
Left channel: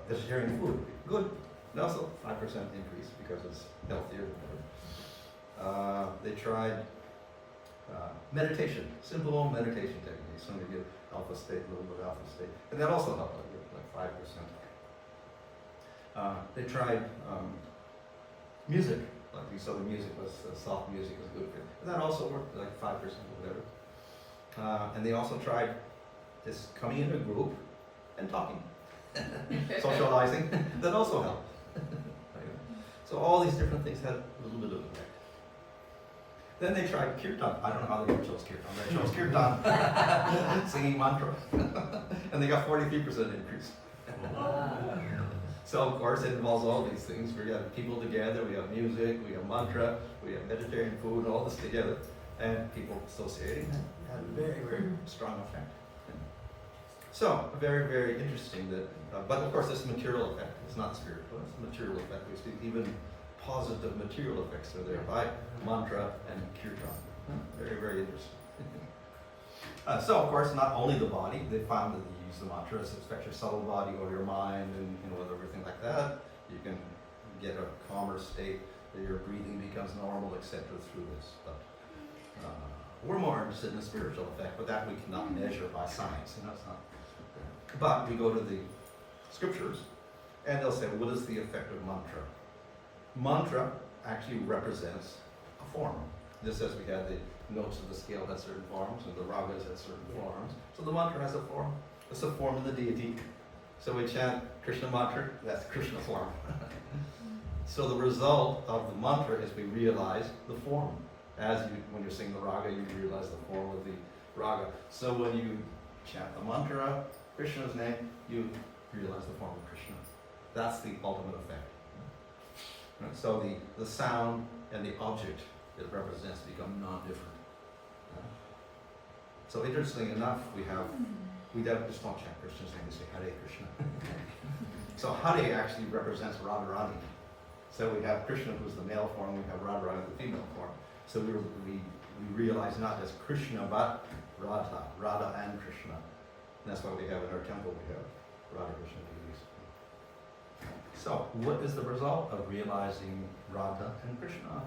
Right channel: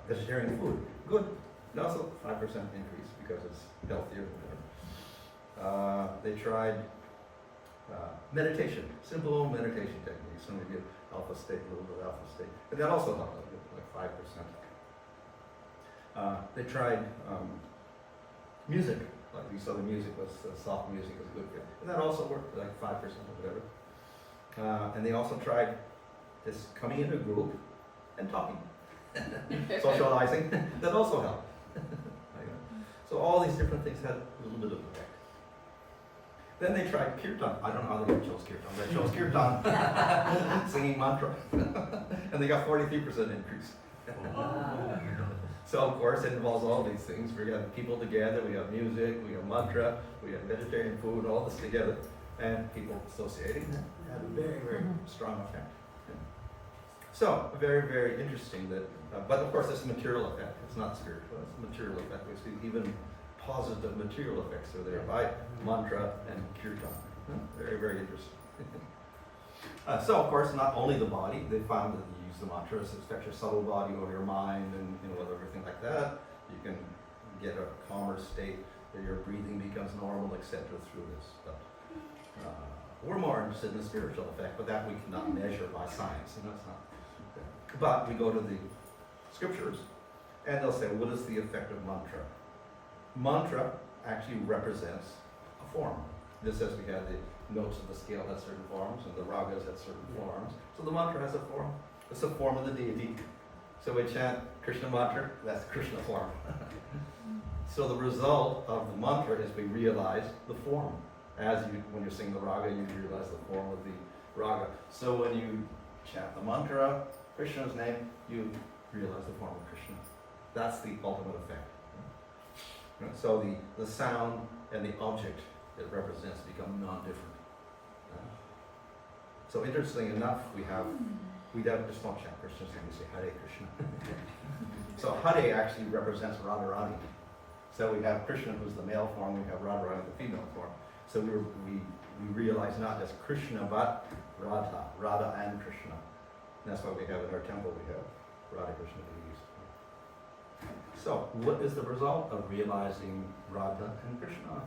vegetarian food, good, and also 5% increase because it's healthier than better. They tried meditation, simple meditation techniques. Some of you alpha state, a little bit of alpha state, and that also helped like 5%. They tried music, like we saw the music was soft music was good for it, and that also worked like 5% or better. And they also tried this coming in a group and talking, socializing. That also helped. So all these different things had a little bit of effect. Then they tried kirtan. I don't know how they chose kirtan. They chose kirtan, singing mantra, and they got 43% increase. So of course it involves all these things. We have people together, we have music, we have mantra, we have vegetarian food, all this together, and people associating had a very, very strong effect. So very, very interesting that, but of course this material effect, it's not spiritual, it's a material effect. We see even positive material effects are there by mantra and kirtan. Very, very interesting. So of course, not only the body, they found that you use the mantras, it affects your subtle body or your mind and everything like that. You can get a calmer state, that your breathing becomes normal, etc. through this. But we're more interested in the spiritual effect, but that we cannot measure by science. It's not But we go to the scriptures, and they'll say, what is the effect of mantra? Mantra actually represents a form. Just as we have the notes of the scale at certain forms, and the ragas at certain forms. So the mantra has a form. It's a form of the deity. So we chant Krishna mantra, that's Krishna form. So the result of the mantra is we realize the form. When you're singing the raga, you realize the form of the raga. So when you chant the mantra, Krishna's name, you realize the form of Krishna. That's the ultimate effect. Right? So the sound and the object it represents become non-different. So interestingly enough, we just don't chant Krishna's name, we say Hare Krishna. So Hare actually represents Radharani. So we have Krishna, who's the male form, we have Radharani, the female form. So we realize not just Krishna, but Radha and Krishna. And that's why we have in our temple, we have Radha Krishna deities. So what is the result of realizing Radha and Krishna?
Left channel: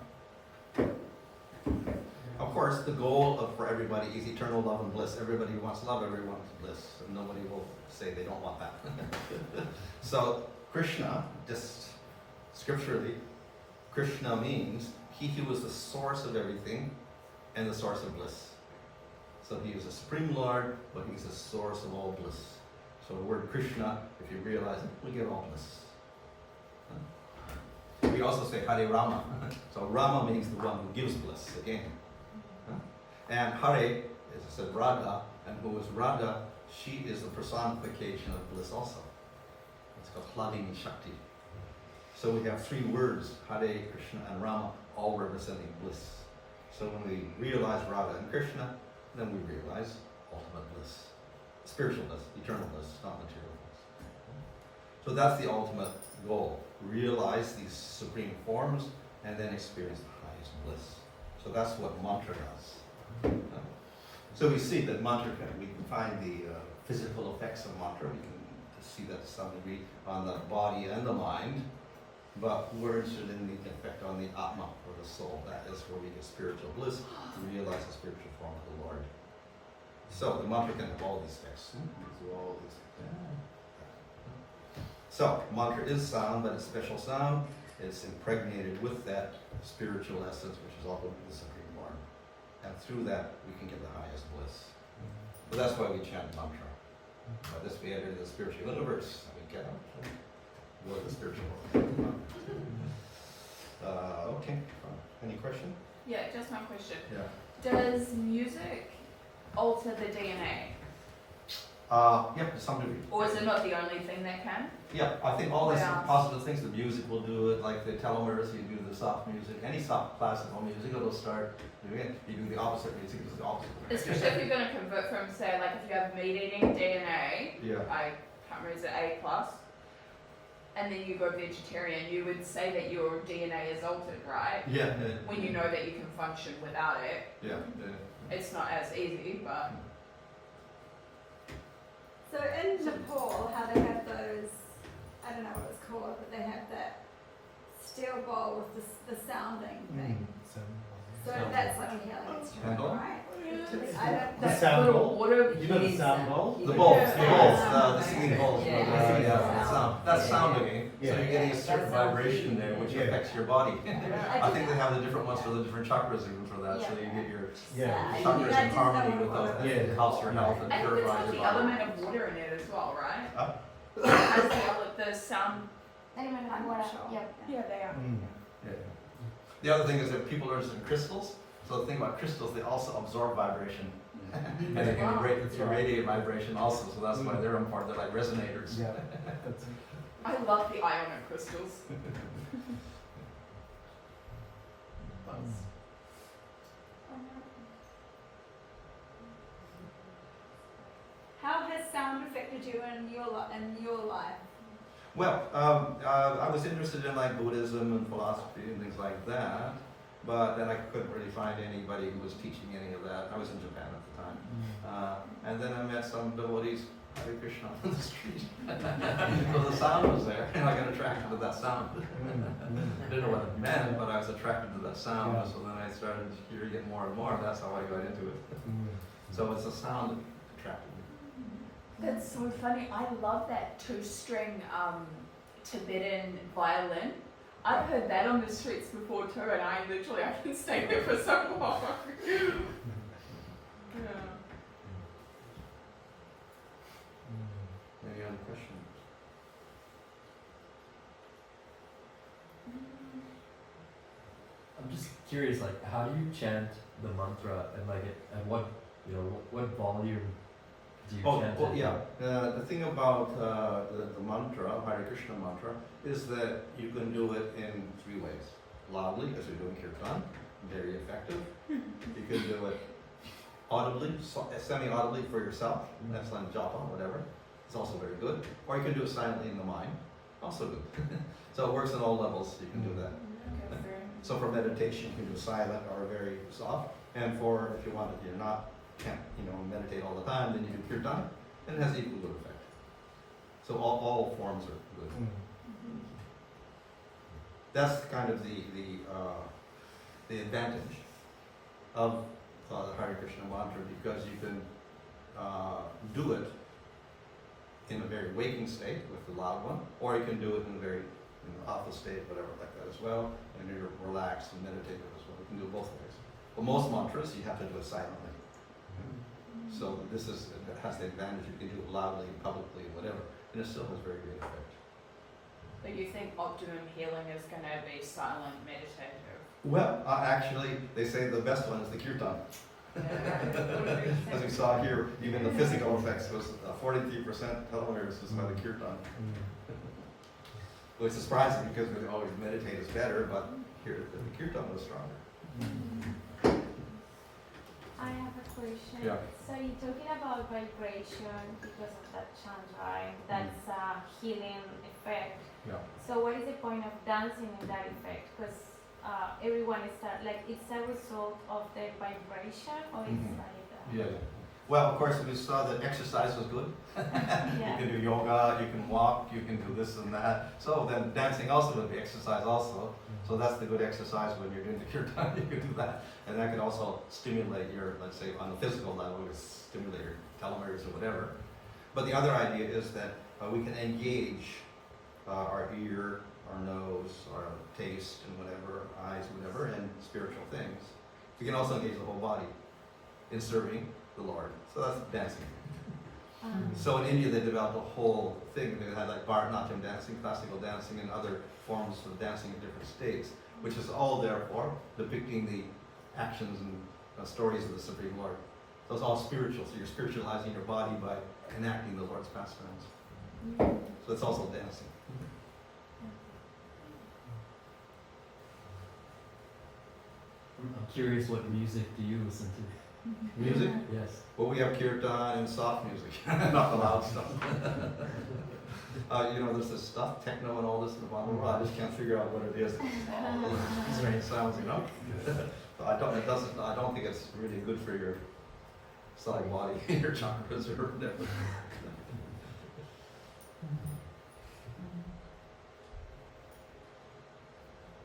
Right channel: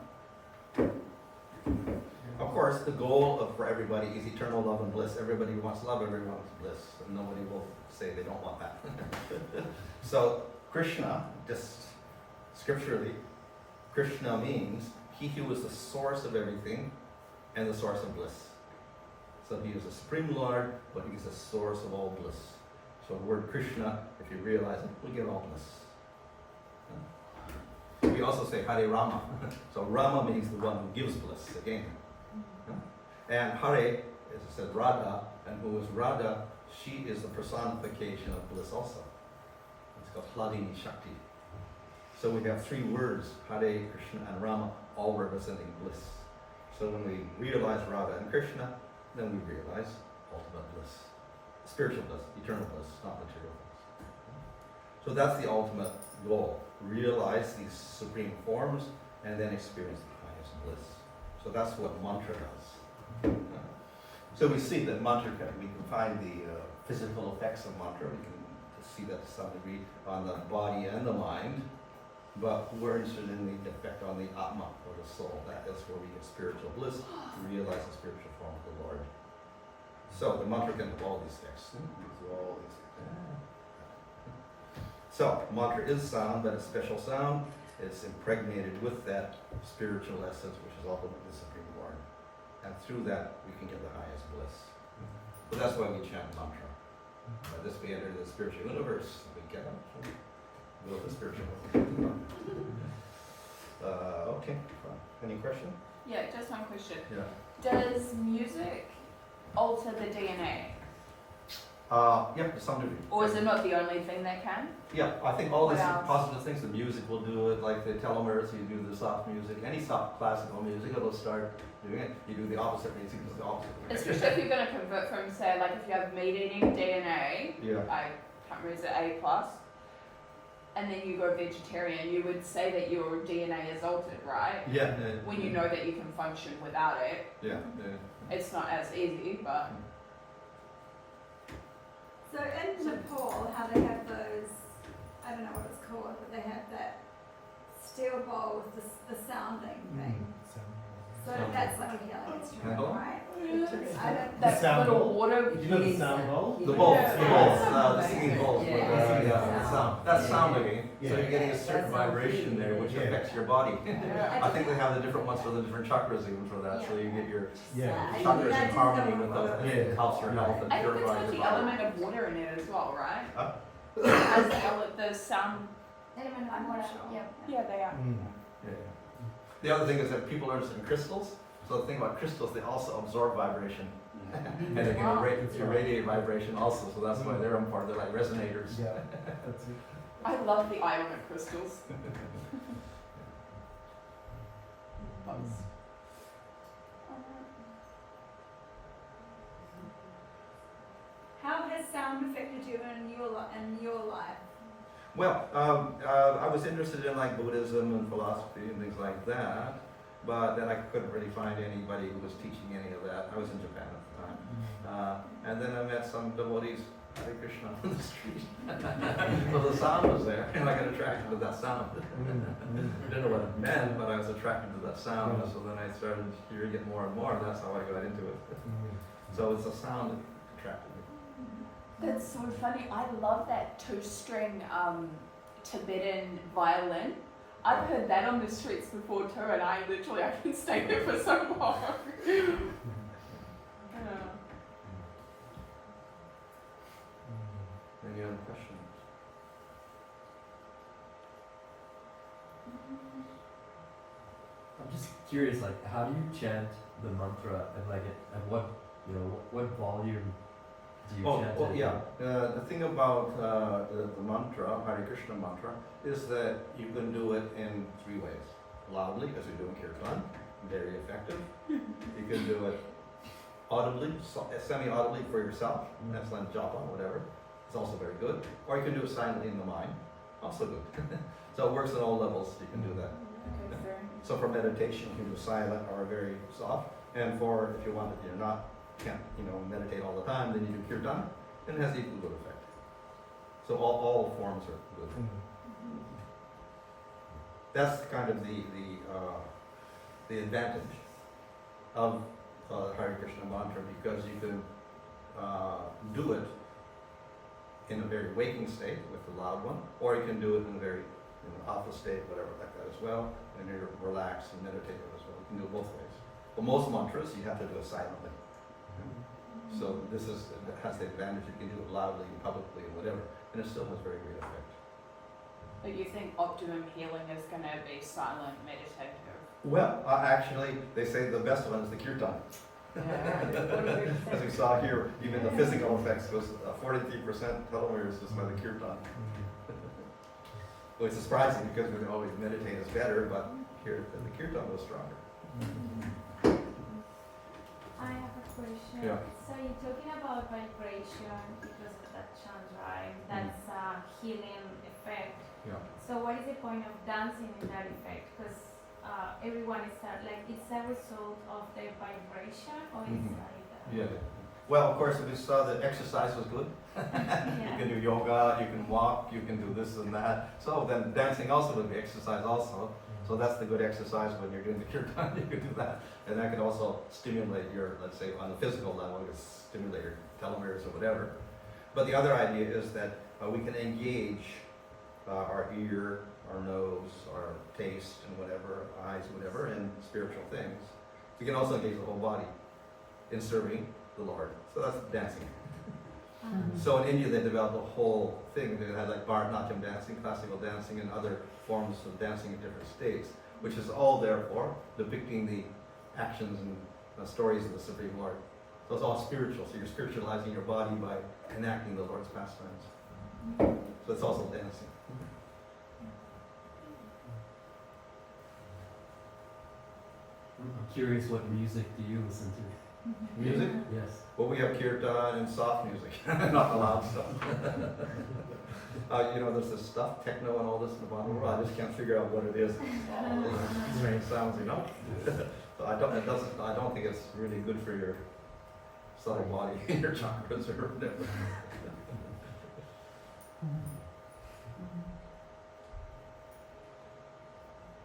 Of course, the goal for everybody is eternal love and bliss. Everybody wants love, everyone wants bliss. And nobody will say they don't want that. So Krishna, just scripturally, Krishna means he who is the source of everything and the source of bliss. So he is the Supreme Lord, but he's the source of all bliss. So the word Krishna, if you realize it, we get all bliss. We also say Hare Rama. So Rama means the one who gives bliss, again. And Hare, as I said, Radha, and who is Radha, she is the personification of bliss also. It's called Hladini Shakti. So we have three words, Hare, Krishna, and Rama, all representing bliss. So when we realize Radha and Krishna, then we realize ultimate bliss. Spiritual bliss, eternal bliss, not material bliss. So that's the ultimate goal. Realize these supreme forms and then experience the highest bliss. So that's what mantra does. So we see that mantra, we can find the physical effects of mantra. We can see that to some degree on the body and the mind. But we're interested in the effect on the Atma, or the soul. That is where we get spiritual bliss, to realize the spiritual form of the Lord. So the mantra can have all these effects. So mantra is sound, but it's special sound. It's impregnated with that spiritual essence, which is ultimately the Supreme Lord. And through that, we can get the highest bliss. So that's why we chant mantra. By this we enter the spiritual universe. We get go to the spiritual world. Okay. Any question? Yeah, just one question. Yeah. Does music alter the DNA? Yeah, to some degree. Or is it not the only thing that can? Yeah, I think all these Wow. positive things, the music will do it, like the telomeres, you do the soft music, any soft classical music, it'll start doing it. You do the opposite music, it's the opposite. Especially if you're going to convert from, say, like if you have meat-eating DNA, Yeah. I can't remember, is it A+, and then you go vegetarian, you would say that your DNA is altered, right? Yeah, When you know that you can function without it. yeah. It's not as easy, but... So in Nepal, how they have those, I don't know what it's called, but they have that steel bowl with the sounding thing. So that's like a healing instrument, Hello? right? I don't, That sound little bowl? water... You know the sound bowl? The bowls, Yeah. the singing bowls, with the sound. That's sounding, so you're getting a certain vibration there, which affects your body. I think they have the different ones for the different chakras even for that, so you get your Yeah. chakras in harmony with those, Yeah. it helps your health and I think there's purifies like your the body. element of water in it as well, right? Huh? The sound... Element of water, yeah. Yeah, they are. Yeah. The other thing is that people are interested in crystals. So the thing about crystals, they also absorb vibration. And they can irradiate vibration also, so that's why they're important. They're like resonators. Yeah, that's it. I love the ionic crystals. How has sound affected you in your life? Well, I was interested in like Buddhism and philosophy and things like that, but then I couldn't really find anybody who was teaching any of that. I was in Japan at the time. And then I met some devotees, Hare Krishna, on the street. So the sound was there, and I got attracted to that sound. I didn't know what it meant, but I was attracted to that sound, Yeah. so then I started hearing it more and more, and that's how I got into it. So it's a sound that attracted me. That's so funny. I love that 2-string Tibetan violin. I've heard that on the streets before too, and I can stay there for so long. Any other questions? I'm just curious, like, how do you chant the mantra, and like, at what, what volume do you chant it? Yeah. The thing about the mantra, Hare Krishna mantra, is that you can do it in 3 ways. Loudly, as you're doing kirtan, very effective. You can do it audibly, semi-audibly for yourself, that's like japa, whatever. It's also very good. Or you can do it silently in the mind, also good. So it works on all levels, you can do that. So for meditation, you can do silent or very soft. And for, if you want it, can't meditate all the time, then you do kirtan, and it has equal good effect. So all forms are good. That's kind of the advantage of the Hare Krishna mantra, because you can do it in a very waking state with the loud one, or you can do it in a very alpha state, whatever, like that as well, and you're relaxed and meditative as well. You can do it both ways. But most mantras, you have to do it silently. So this has the advantage, you can do it loudly, publicly, whatever, and it still has very great effect. But you think optimum healing is going to be silent, meditative? Well, actually, they say the best one is the kirtan. As we saw here, even the physical effects was 43% telomeres was by the kirtan. Well, it's surprising because we always meditate is better, but here the kirtan was stronger. I have a question. Yeah. So you're talking about vibration because of that chant, right? That's a healing effect. Yeah. So what is the point of dancing in that effect? Because everyone is it's a result of the vibration, or it's Yeah. Well, of course, we saw that exercise was good. You can do yoga, you can walk, you can do this and that. So then dancing also would be exercise also. So that's the good exercise when you're doing the kirtan, you can do that. And that can also stimulate your, let's say on the physical level, you stimulate your telomeres or whatever. But the other idea is that we can engage our ear, our nose, our taste and whatever, eyes, whatever, and spiritual things. We can also engage the whole body in serving the Lord. So that's dancing. So in India they developed a whole thing. They had like Bharatanatyam dancing, classical dancing, and other forms of dancing in different states, which is all therefore depicting the actions and stories of the Supreme Lord. So it's all spiritual. So you're spiritualizing your body by enacting the Lord's pastimes. So it's also dancing. I'm curious, what music do you listen to? Music? Yes. Well, we have kirtan and soft music, not the loud stuff. There's this stuff, techno and all this in the Bhanu. I just can't figure out what it is. All these strange sounds, So I don't think it's really good for your subtle body, your chakras or whatever.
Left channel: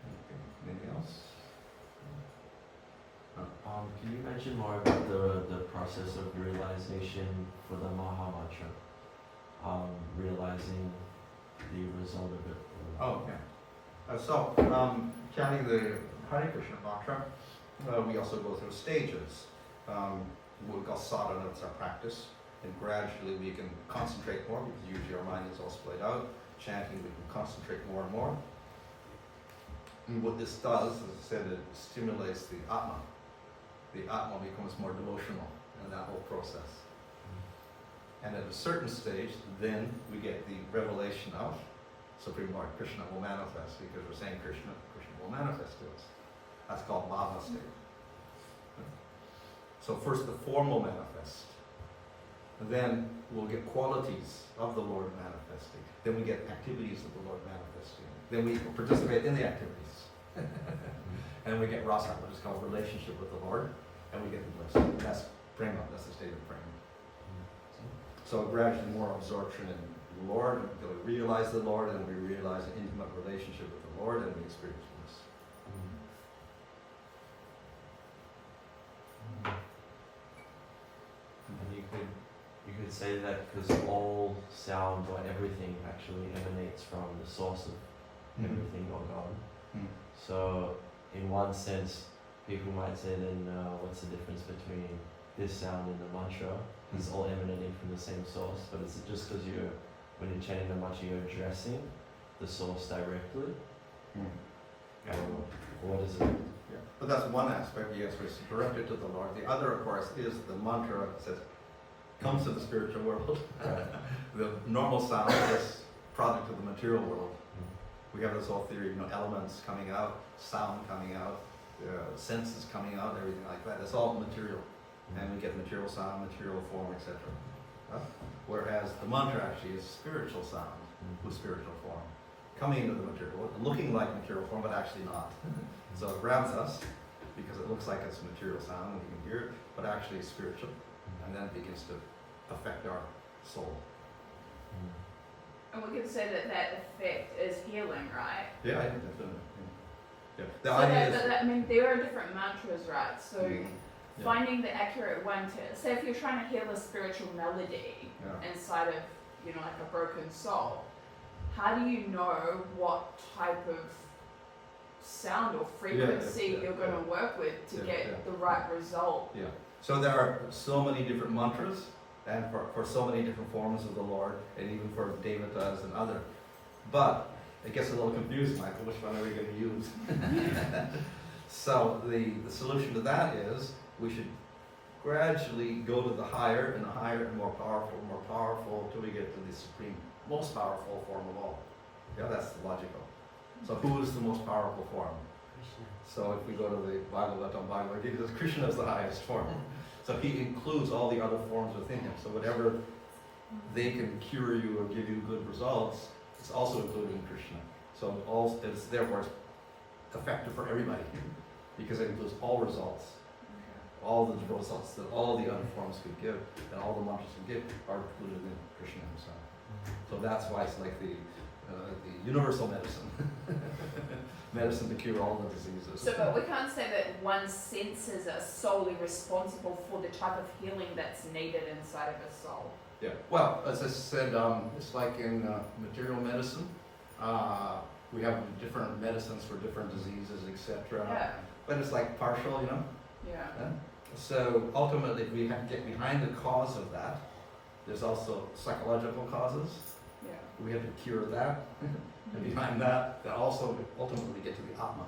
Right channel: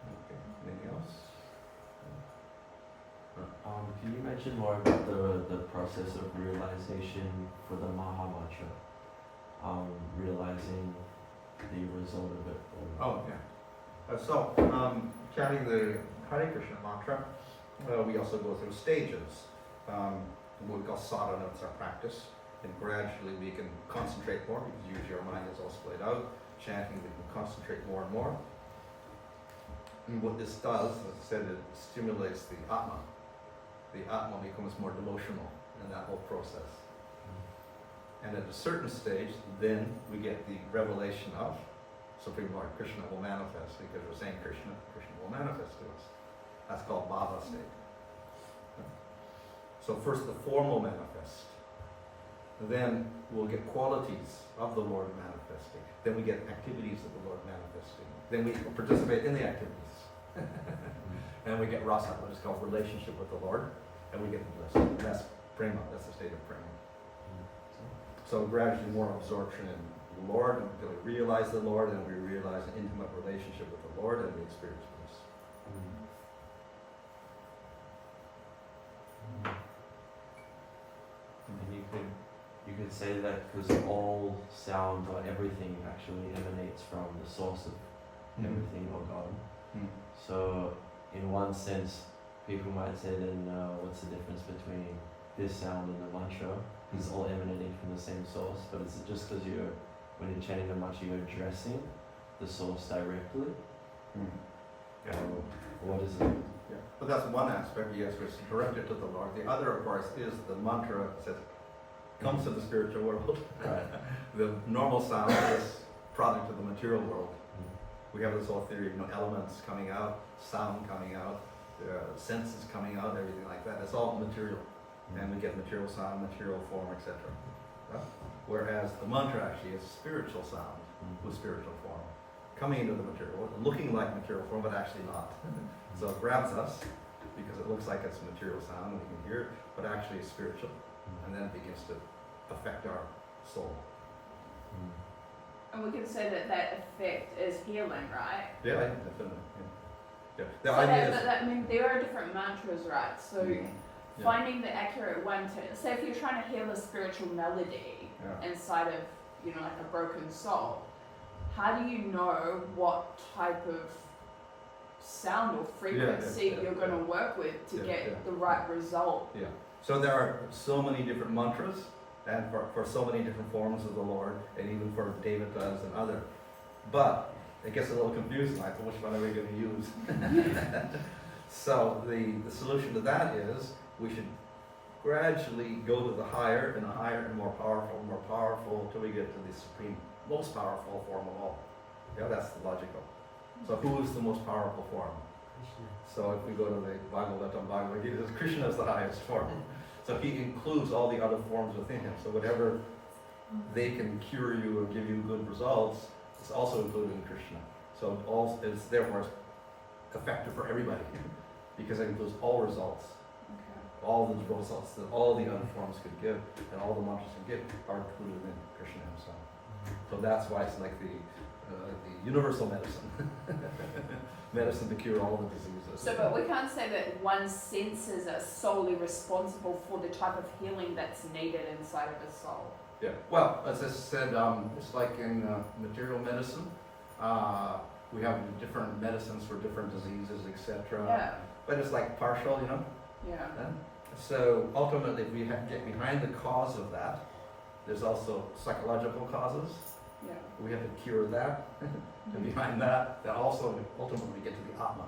Okay. Anything else? Can you mention more about the process of realization for the Maha Mantra? Realizing the result of it. Oh, yeah. Chanting the Hare Krishna mantra, we also go through stages. What we call sadhana, it's our practice. And gradually we can concentrate more because usually our mind is all split out. Chanting, we can concentrate more and more. And what this does, as I said, it stimulates the Atma. The Atma becomes more devotional in that whole process. And at a certain stage, then we get the revelation of Supreme Lord. Krishna will manifest, because we're saying Krishna will manifest to us. That's called Bhava state. So first the form will manifest. Then we'll get qualities of the Lord manifesting. Then we get activities of the Lord manifesting. Then we participate in the activities. And we get rasa, which is called relationship with the Lord. And we get the bliss. And that's prema, that's the state of prema. So gradually more absorption in the Lord, until we realize the Lord, and we realize an intimate relationship with the Lord, and we experience bliss. And you could could say that because all sound or everything actually emanates from the source of everything or God. Mm. So, in one sense, people might say then, what's the difference between this sound and the mantra? It's all emanating from the same source, but it's just because when you're chanting the mantra, you're addressing the source directly. Yeah. Or what is it? Yeah. But that's one aspect, yes, which is directed to the Lord. The other, of course, is the mantra that says, comes to the spiritual world. Right. The normal sound is product of the material world. We have this whole theory, elements coming out, sound coming out, senses coming out, everything like that. It's all material. And we get material sound, material form, etc. Whereas the mantra actually is spiritual sound with spiritual form. Coming into the material, looking like material form, but actually not. So it grabs us because it looks like it's a material sound and we can hear it, but actually it's spiritual. And then it begins to affect our soul. And we can say that that effect is healing, right? Yeah, I think definitely. Yeah. The So idea is. I mean, there are different mantras, right? So Yeah. finding the accurate one to, say if you're trying to heal a spiritual melody Yeah. inside of, like a broken soul, how do you know what type of sound or frequency yeah, you're going to work with to Yeah, get yeah. the right result? Yeah. So there are so many different mantras, and for so many different forms of the Lord, and even for David does and other. But it gets a little confusing, like, which one are we going to use? So the solution to that is we should gradually go to the higher and more powerful, till we get to the supreme, most powerful form of all. Yeah, that's the logical. So who is the most powerful form? So if we go to the Bhagavad Gita, Krishna is the highest form. So he includes all the other forms within him. So whatever they can cure you or give you good results, it's also including Krishna. So it's therefore effective for everybody because it includes all results. All the results that all the other forms could give and all the mantras could give are included in Krishna himself. So that's why it's like the universal medicine. Medicine to cure all the diseases. So, but we can't say that one's senses are solely responsible for the type of healing that's needed inside of a soul. Yeah. Well, as I said, it's like in material medicine. We have different medicines for different diseases, etc. Yeah. But it's like partial, Yeah. So ultimately, if we get behind the cause of that, there's also psychological causes. Yeah. We have to cure that. And behind that also we ultimately get to the Atma.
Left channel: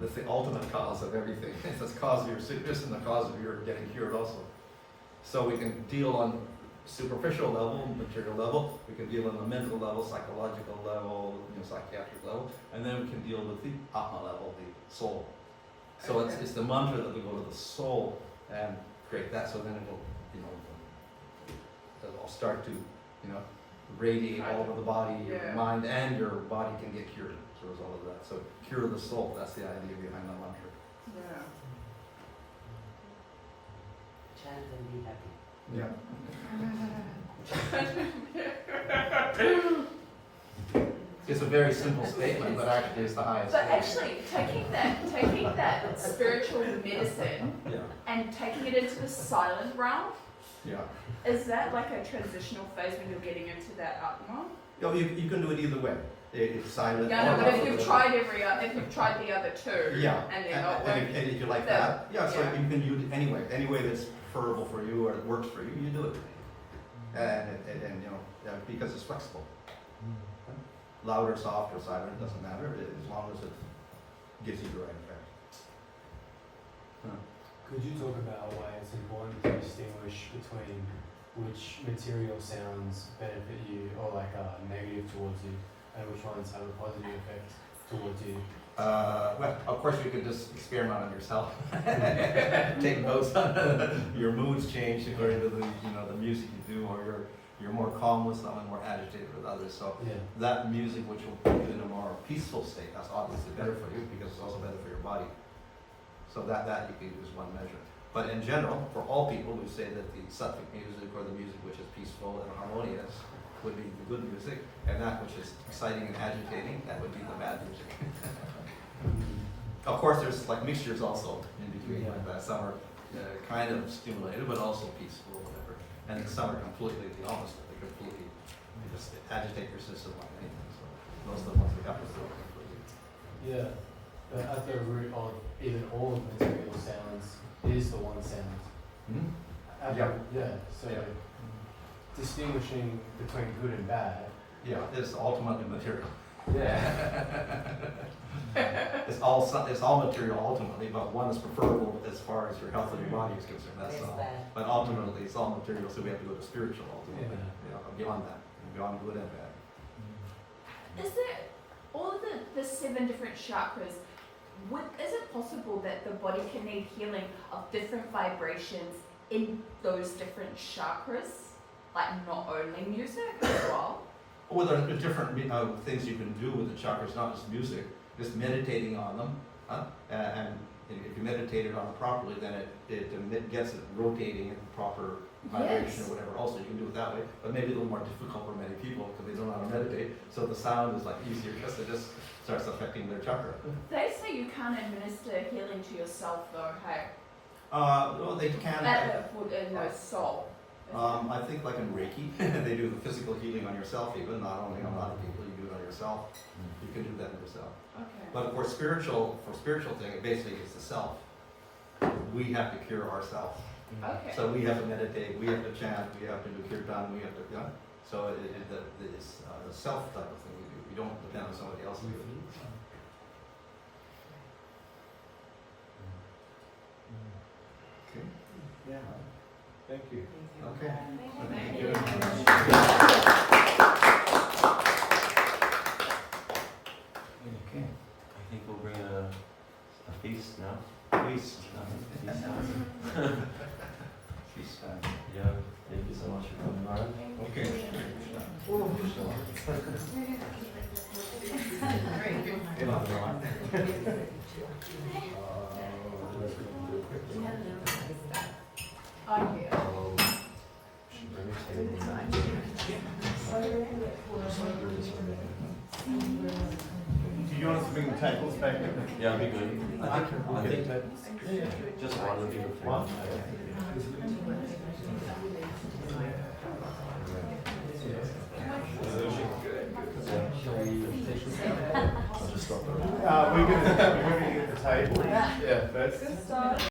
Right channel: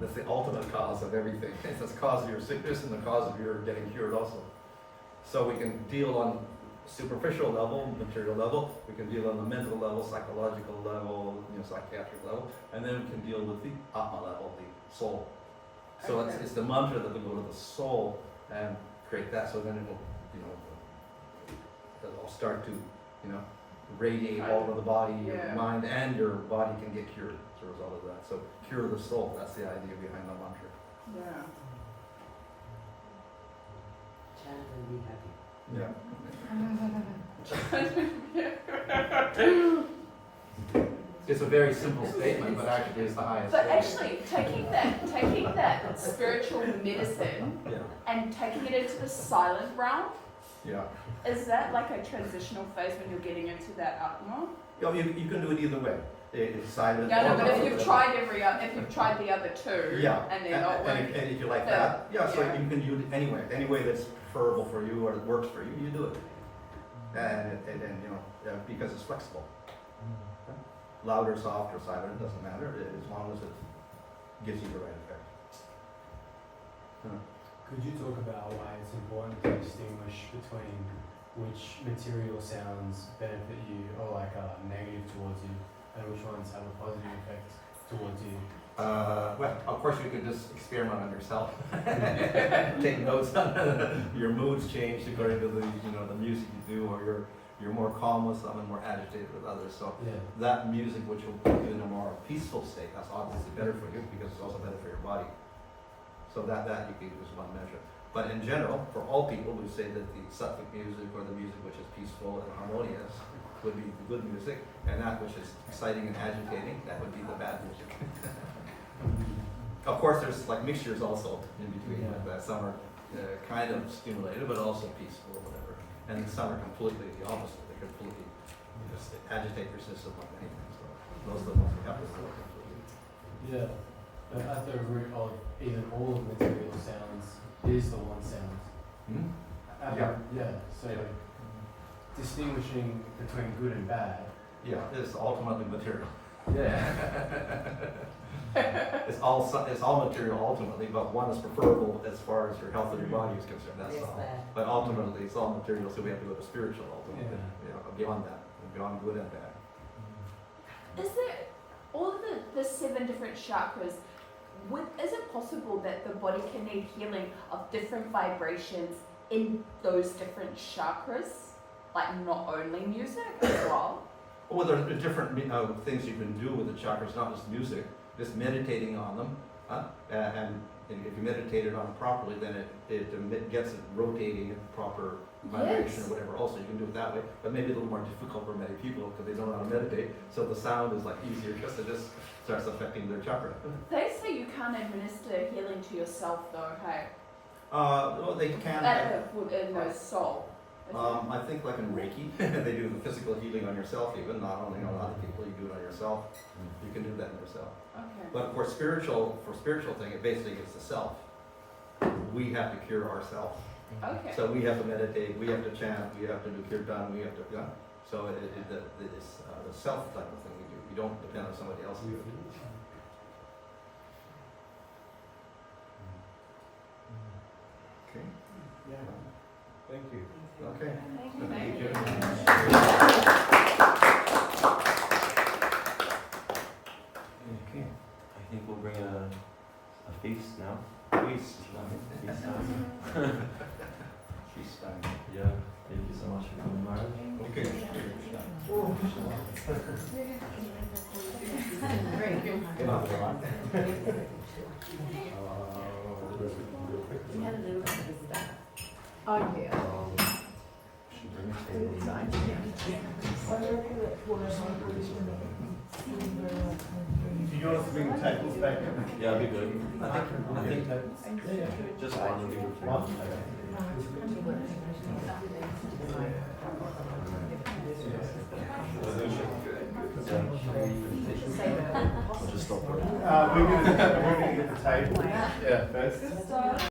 That's the ultimate cause of everything. It's the cause of your sickness and the cause of your getting cured also. So we can deal on superficial level, material level, we can deal on the mental level, psychological level, psychiatric level, and then we can deal with the Atma level, the soul. So it's the mantra that will go to the soul and create that, so then it will, it'll start to, radiate all over the body, your mind, and your body can get cured as a result of that. So cure the soul, that's the idea behind the mantra. Yeah. Chant and be happy. Yeah. It's a very simple statement, but actually it's the highest. So actually, taking that spiritual medicine Yeah. and taking it into the silent realm, Yeah. is that like a transitional phase when you're getting into that Atma? You can do it either way. It's silent. Yeah, no, or but if not. you've tried if you've tried the other two, Yeah. and they're not and working. if you like then- that, so yeah. you can use it anyway. Any way that's preferable for you or that works for you, you do it. And because it's flexible. Louder, softer, silent, it doesn't matter as long as it gives you the right effect. Could you talk about why it's important to distinguish between which material sounds benefit you or are negative towards you, and which ones have a positive effect towards you? Well, of course you could just experiment on yourself. Take notes on your moods change according to the music you do, or you're more calm with some and more agitated with others. So that music which will put you in a more peaceful state, that's obviously better for you because it's also better for your body. So that you can use one measure. But in general, for all people, we say that the sattvic music or the music which is peaceful and harmonious would be the good music, and that which is exciting and agitating, that would be the bad music. Of course, there's mixtures also in between like that. Some are kind of stimulated, but also peaceful or whatever. And then some are completely the opposite, they completely just agitate your system like anything, so those are the ones we have to work completely. Yeah. But at the root of even all of material sounds is the one sound. Yeah. So Yeah. distinguishing between good and bad. Yeah, it's ultimately material. Yeah. It's all material ultimately, but one is preferable as far as your health of your body is concerned, that's all. But ultimately, it's all material, so we have to go to spiritual ultimately, beyond that, beyond good and bad. Is there all of the 7 different chakras? Is it possible that the body can need healing of different vibrations in those different chakras? Like not only music as well? Well, there are different things you can do with the chakras, not just music, just meditating on them. And if you meditate it on it properly, then it gets it rotating at proper vibration Yes. or whatever. Also, you can do it that way, but maybe a little more difficult for many people because they don't know how to meditate. So the sound is like easier because it just starts affecting their chakra. They say you can't administer healing to yourself though, hey? Well, they can. In the soul. I think like in Reiki, they do the physical healing on yourself even, not only on other people, you do it on yourself. You can do that on yourself. Okay. But for spiritual thing, it basically is the self. We have to cure ourselves. Okay. So we have to meditate, we have to chant, we have to do kirtan, we have to, so it's the self type of thing we do. We don't depend on somebody else to do it. Okay. Thank you. Okay. Thank you. Okay. I think we'll bring a feast now. Feast. Feast time. Feast time. Yeah, thank you so much for coming. Okay. Get off the line. Oh, yeah. Do you want us to bring the tables back in? Yeah, it'll be good. I think just one will be One? I'll just stop there. We're gonna get the table. Yeah, first.